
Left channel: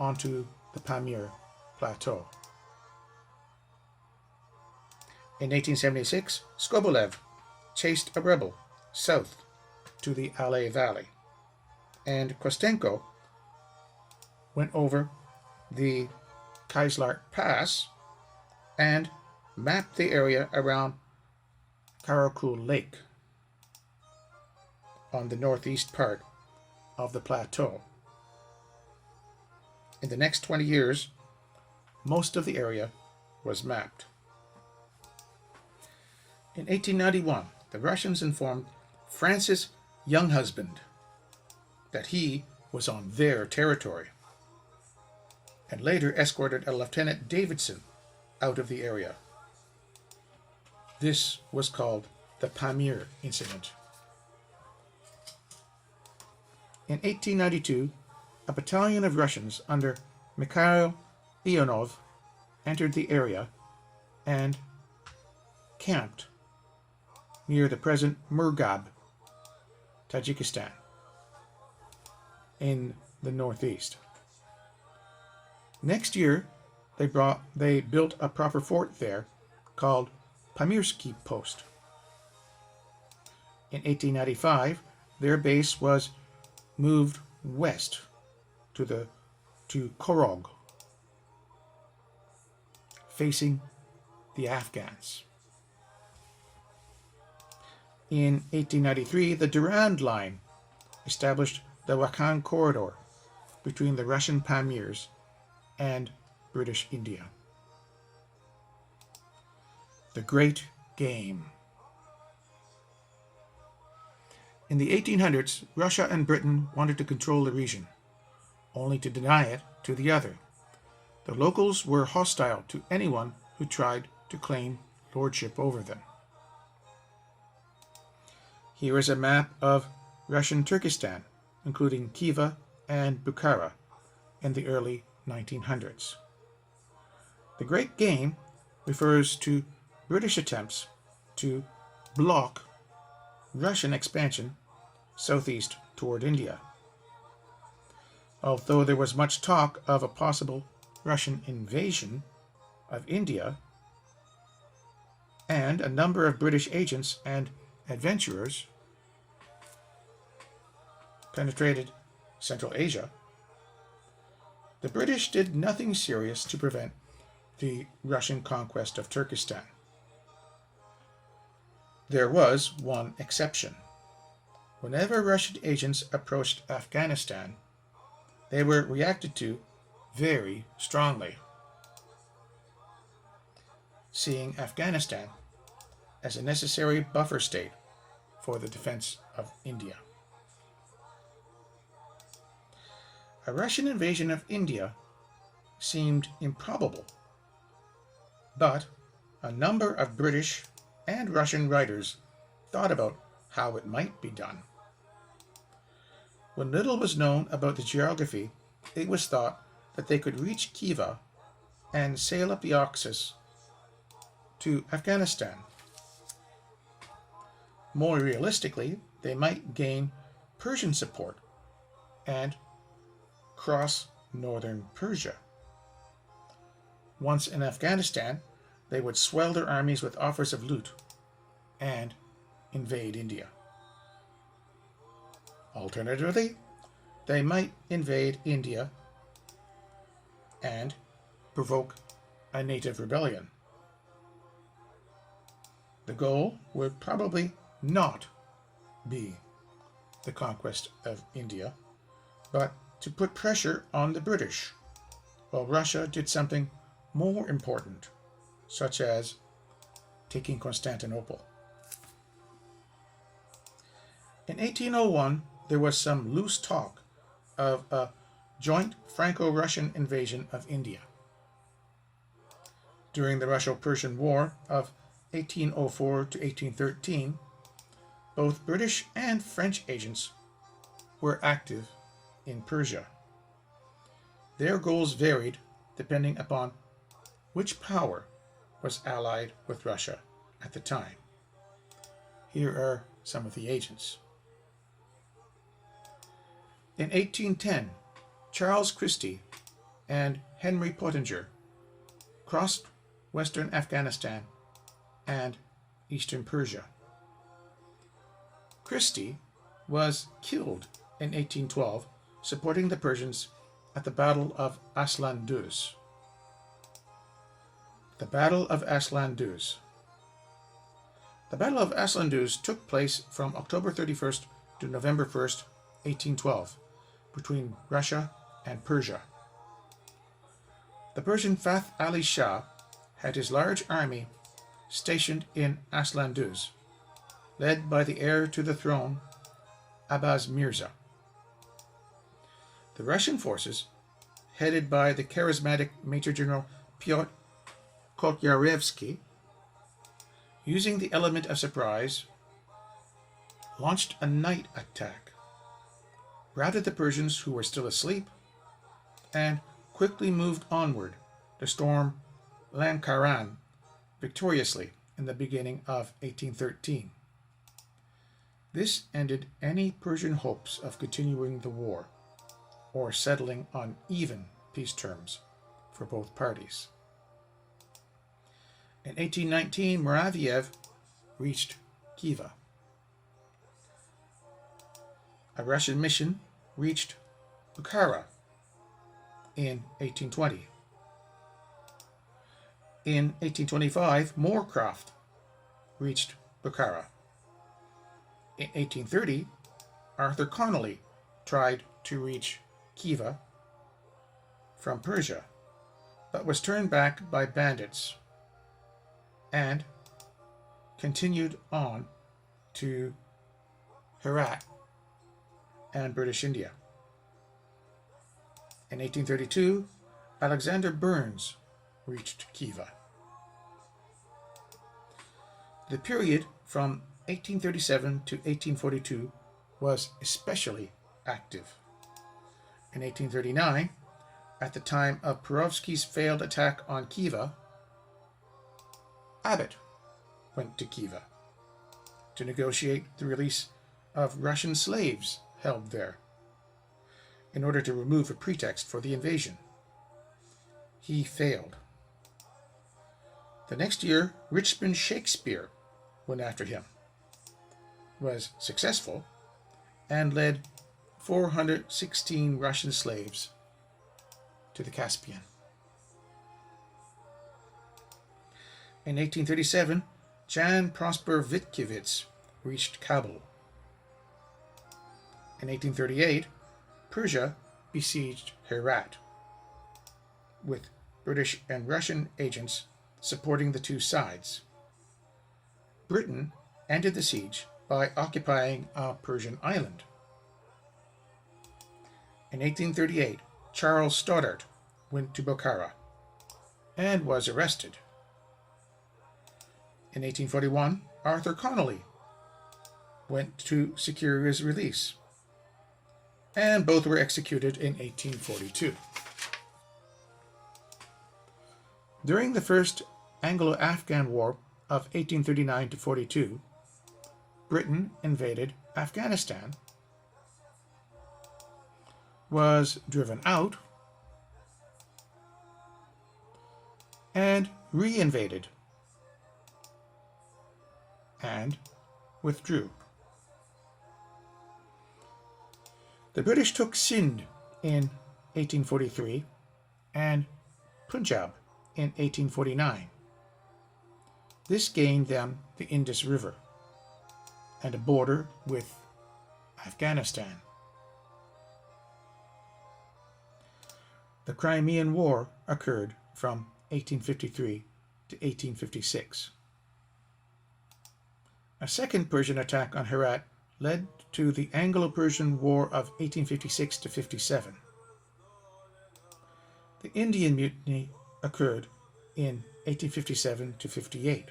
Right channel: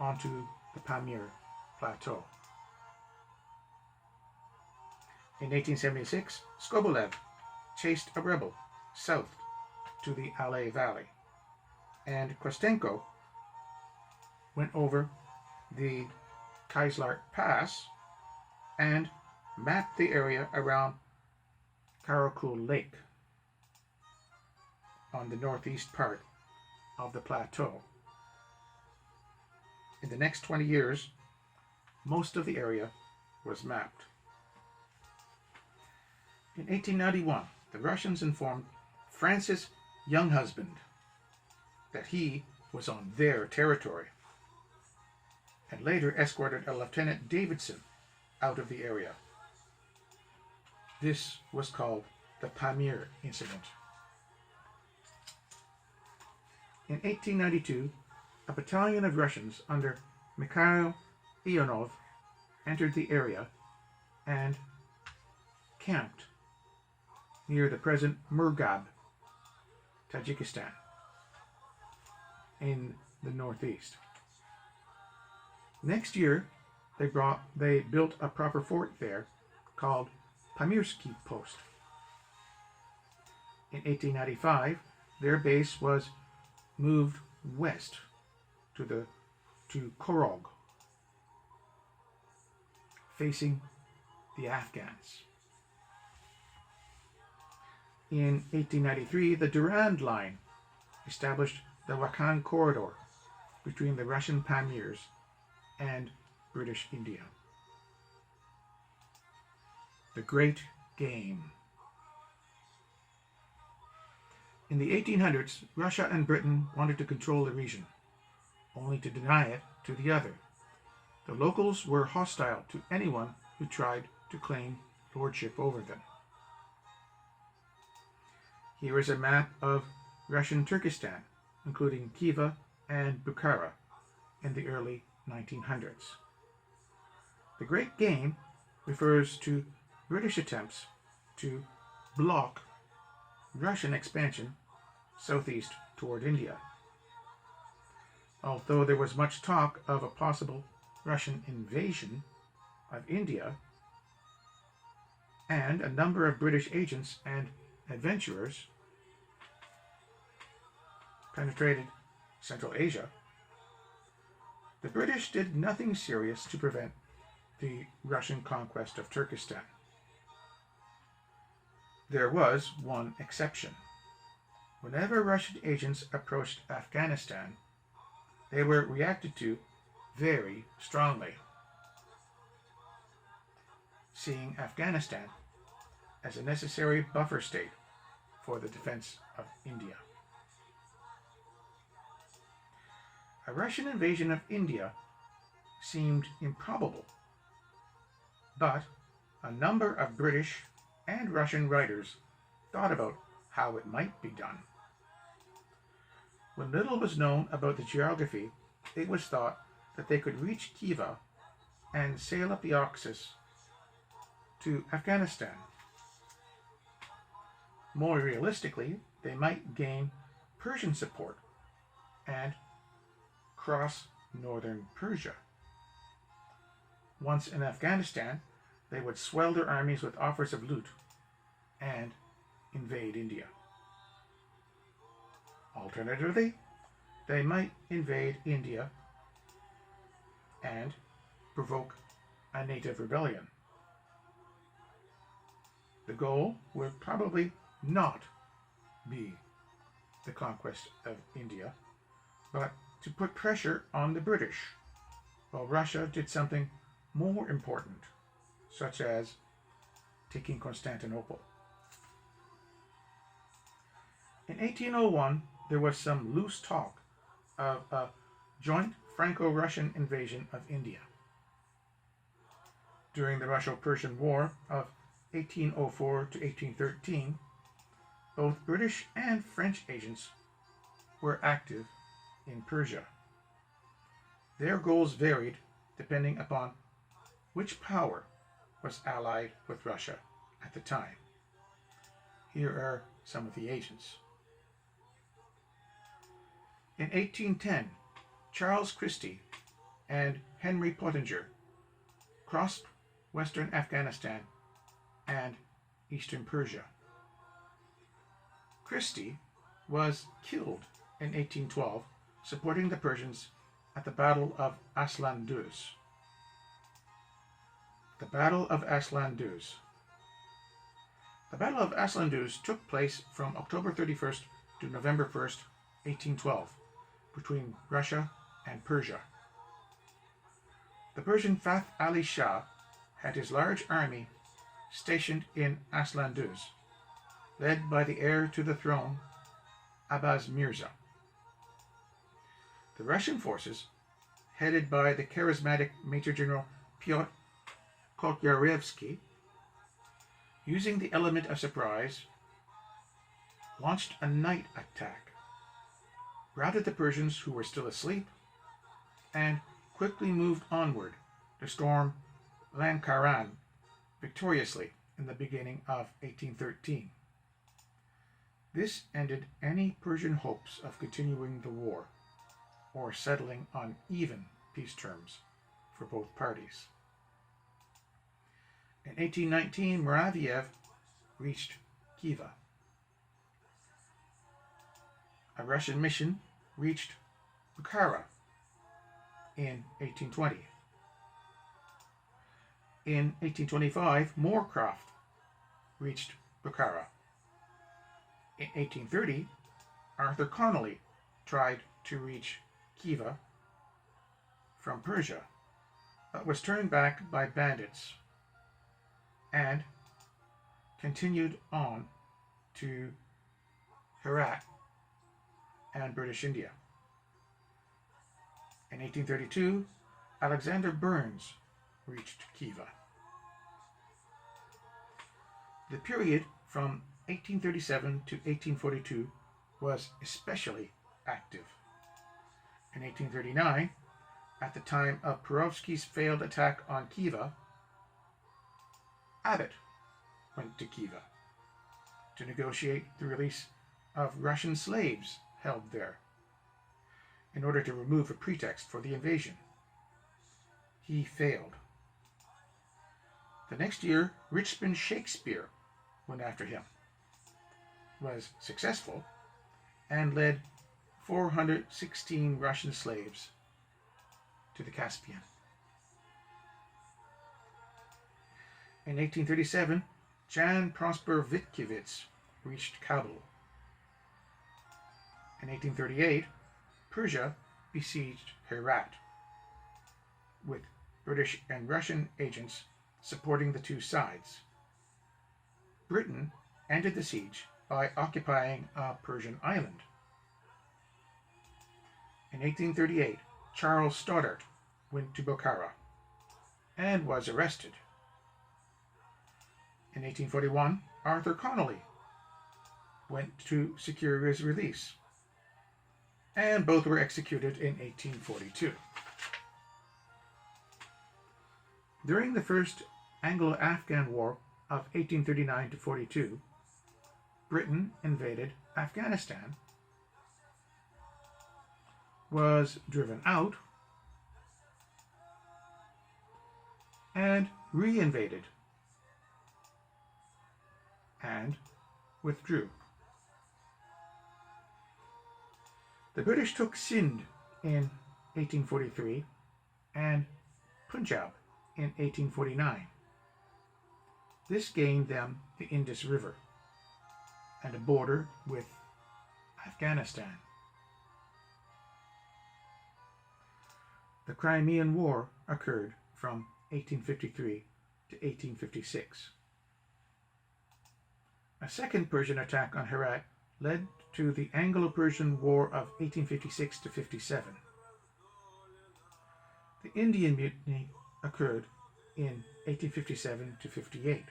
onto the Pamir Plateau. In 1876, Skobelev chased a rebel south to the Alay Valley, and Kostenko went over the Kaislar Pass and mapped the area around Karakul Lake on the northeast part of the plateau. In the next 20 years, most of the area was mapped. In 1891, the Russians informed Francis Younghusband that he was on their territory, and later escorted a Lieutenant Davidson out of the area. This was called the Pamir Incident. In 1892, a battalion of Russians under Mikhail Ionov entered the area and camped near the present Murgab, Tajikistan, in the northeast. Next year, they built a proper fort there called Pamirsky Post. In 1895, their base was moved west to Korog, facing the Afghans. In 1893, the Durand Line established the Wakhan corridor between the Russian Pamirs and British India. The Great Game. In the 1800s, Russia and Britain wanted to control the region, only to deny it to the other. The locals were hostile to anyone who tried to claim lordship over them. Here is a map of Russian Turkestan, including Khiva and Bukhara, in the early 1900s. The Great Game refers to British attempts to block Russian expansion southeast toward India. Although there was much talk of a possible Russian invasion of India, and a number of British agents and adventurers penetrated Central Asia, the British did nothing serious to prevent the Russian conquest of Turkestan. There was one exception. Whenever Russian agents approached Afghanistan, they were reacted to very strongly, seeing Afghanistan as a necessary buffer state for the defense of India. A Russian invasion of India seemed improbable, but a number of British and Russian writers thought about how it might be done. When little was known about the geography, it was thought that they could reach Khiva and sail up the Caucasus to Afghanistan. More realistically, they might gain Persian support and cross northern Persia. Once in Afghanistan, they would swell their armies with offers of loot and invade India. Alternatively, they might invade India and provoke a native rebellion. The goal would probably not be the conquest of India, but to put pressure on the British, while Russia did something more important, such as taking Constantinople. In 1801, there was some loose talk of a joint Franco-Russian invasion of India. During the Russo-Persian War of 1804 to 1813, both British and French agents were active in Persia. Their goals varied depending upon which power was allied with Russia at the time. Here are some of the agents. In 1810, Charles Christie and Henry Pottinger crossed western Afghanistan and eastern Persia. Christie was killed in 1812 supporting the Persians at the Battle of Asland. The Battle of Asland. The Battle of Asland took place from October 31st to November 1st, 1812, between Russia and Persia. The Persian Fath Ali Shah had his large army stationed in Asland, led by the heir to the throne, Abbas Mirza. The Russian forces, headed by the charismatic Major General Pyotr Kotyarevsky, using the element of surprise, launched a night attack, routed the Persians who were still asleep, and quickly moved onward to storm Lankaran victoriously in the beginning of 1813. This ended any Persian hopes of continuing the war or settling on even peace terms for both parties. In 1819, Muraviev reached Khiva. A Russian mission reached Bukhara in 1820. In 1825, Moorcroft reached Bukhara. In 1830, Arthur Connolly tried to reach Khiva from Persia, but was turned back by bandits and continued on to Herat and British India. In 1832, Alexander Burns reached Khiva. The period from 1837 to 1842 was especially active. In 1839, at the time of Perovsky's failed attack on Khiva, Abbott went to Khiva to negotiate the release of Russian slaves held there in order to remove a pretext for the invasion. He failed. The next year, Richmond Shakespeare went after him, was successful, and led 416 Russian slaves to the Caspian. In 1837, Jan Prosper Witkiewicz reached Kabul. In 1838, Persia besieged Herat, with British and Russian agents supporting the two sides. Britain ended the siege by occupying a Persian island. In 1838, Charles Stoddart went to Bukhara and was arrested. In 1841, Arthur Connolly went to secure his release, and both were executed in 1842. During the First Anglo-Afghan War of 1839 to 42, Britain invaded Afghanistan, was driven out, and re-invaded, and withdrew. The British took Sindh in 1843 and Punjab in 1849. This gained them the Indus River and a border with Afghanistan. The Crimean War occurred from 1853 to 1856. A second Persian attack on Herat led to the Anglo-Persian War of 1856 to 57. The Indian Mutiny occurred in 1857 to 58.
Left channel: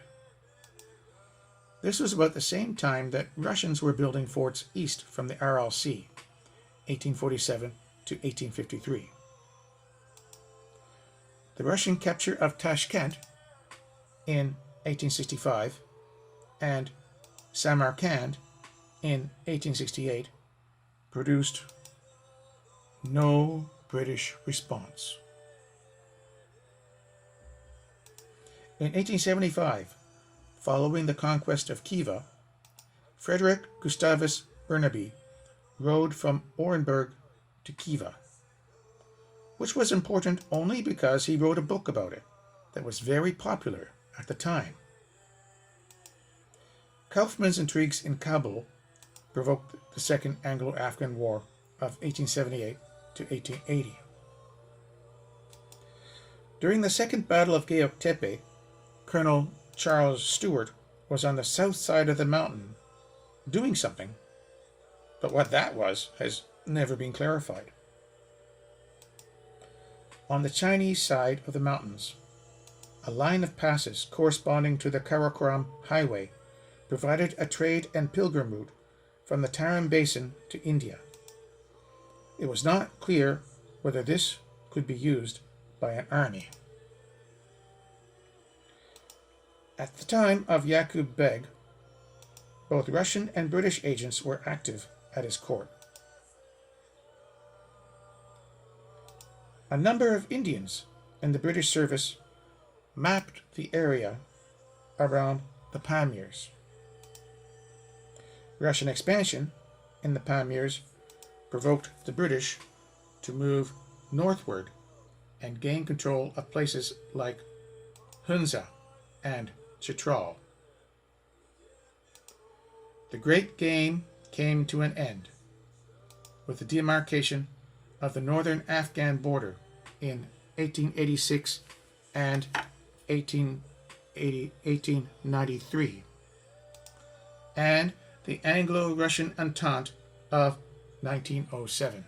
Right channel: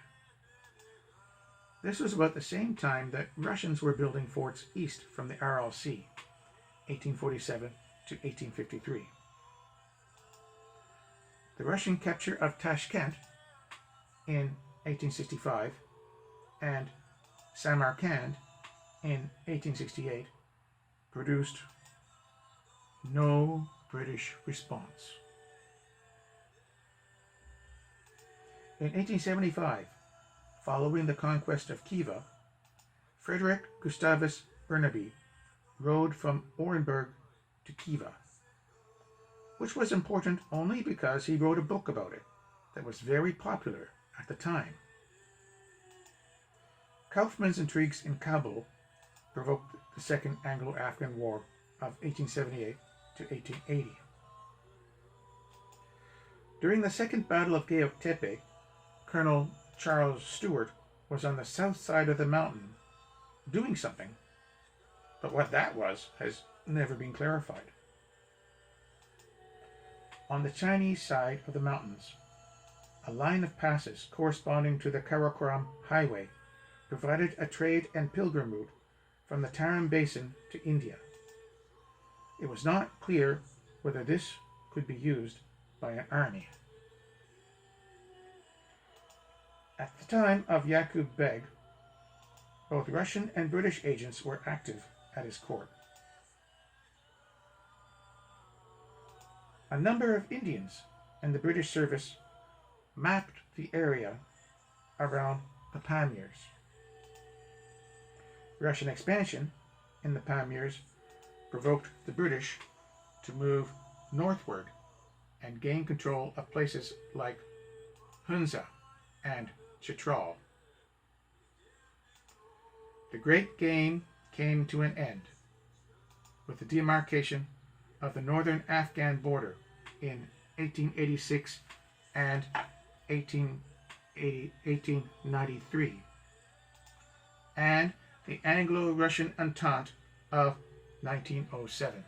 This was about the same time that Russians were building forts east from the Aral Sea, 1847 to 1853. The Russian capture of Tashkent in 1865 and Samarkand in 1868 produced no British response. In 1875, following the conquest of Khiva, Frederick Gustavus Burnaby rode from Orenburg to Khiva, which was important only because he wrote a book about it that was very popular at the time. Kaufmann's intrigues in Kabul provoked the Second Anglo-Afghan War of 1878 to 1880. During the Second Battle of Gayok Tepe, Colonel Charles Stewart was on the south side of the mountain doing something, but what that was has never been clarified. On the Chinese side of the mountains, a line of passes corresponding to the Karakoram Highway provided a trade and pilgrim route from the Tarim Basin to India. It was not clear whether this could be used by an army. At the time of Yaqub Beg, both Russian and British agents were active at his court. A number of Indians in the British service mapped the area around the Pamirs. Russian expansion in the Pamirs provoked the British to move northward and gain control of places like Hunza and Chitral. The Great Game came to an end with the demarcation of the northern Afghan border in 1886 and 1893, and the Anglo-Russian Entente of 1907.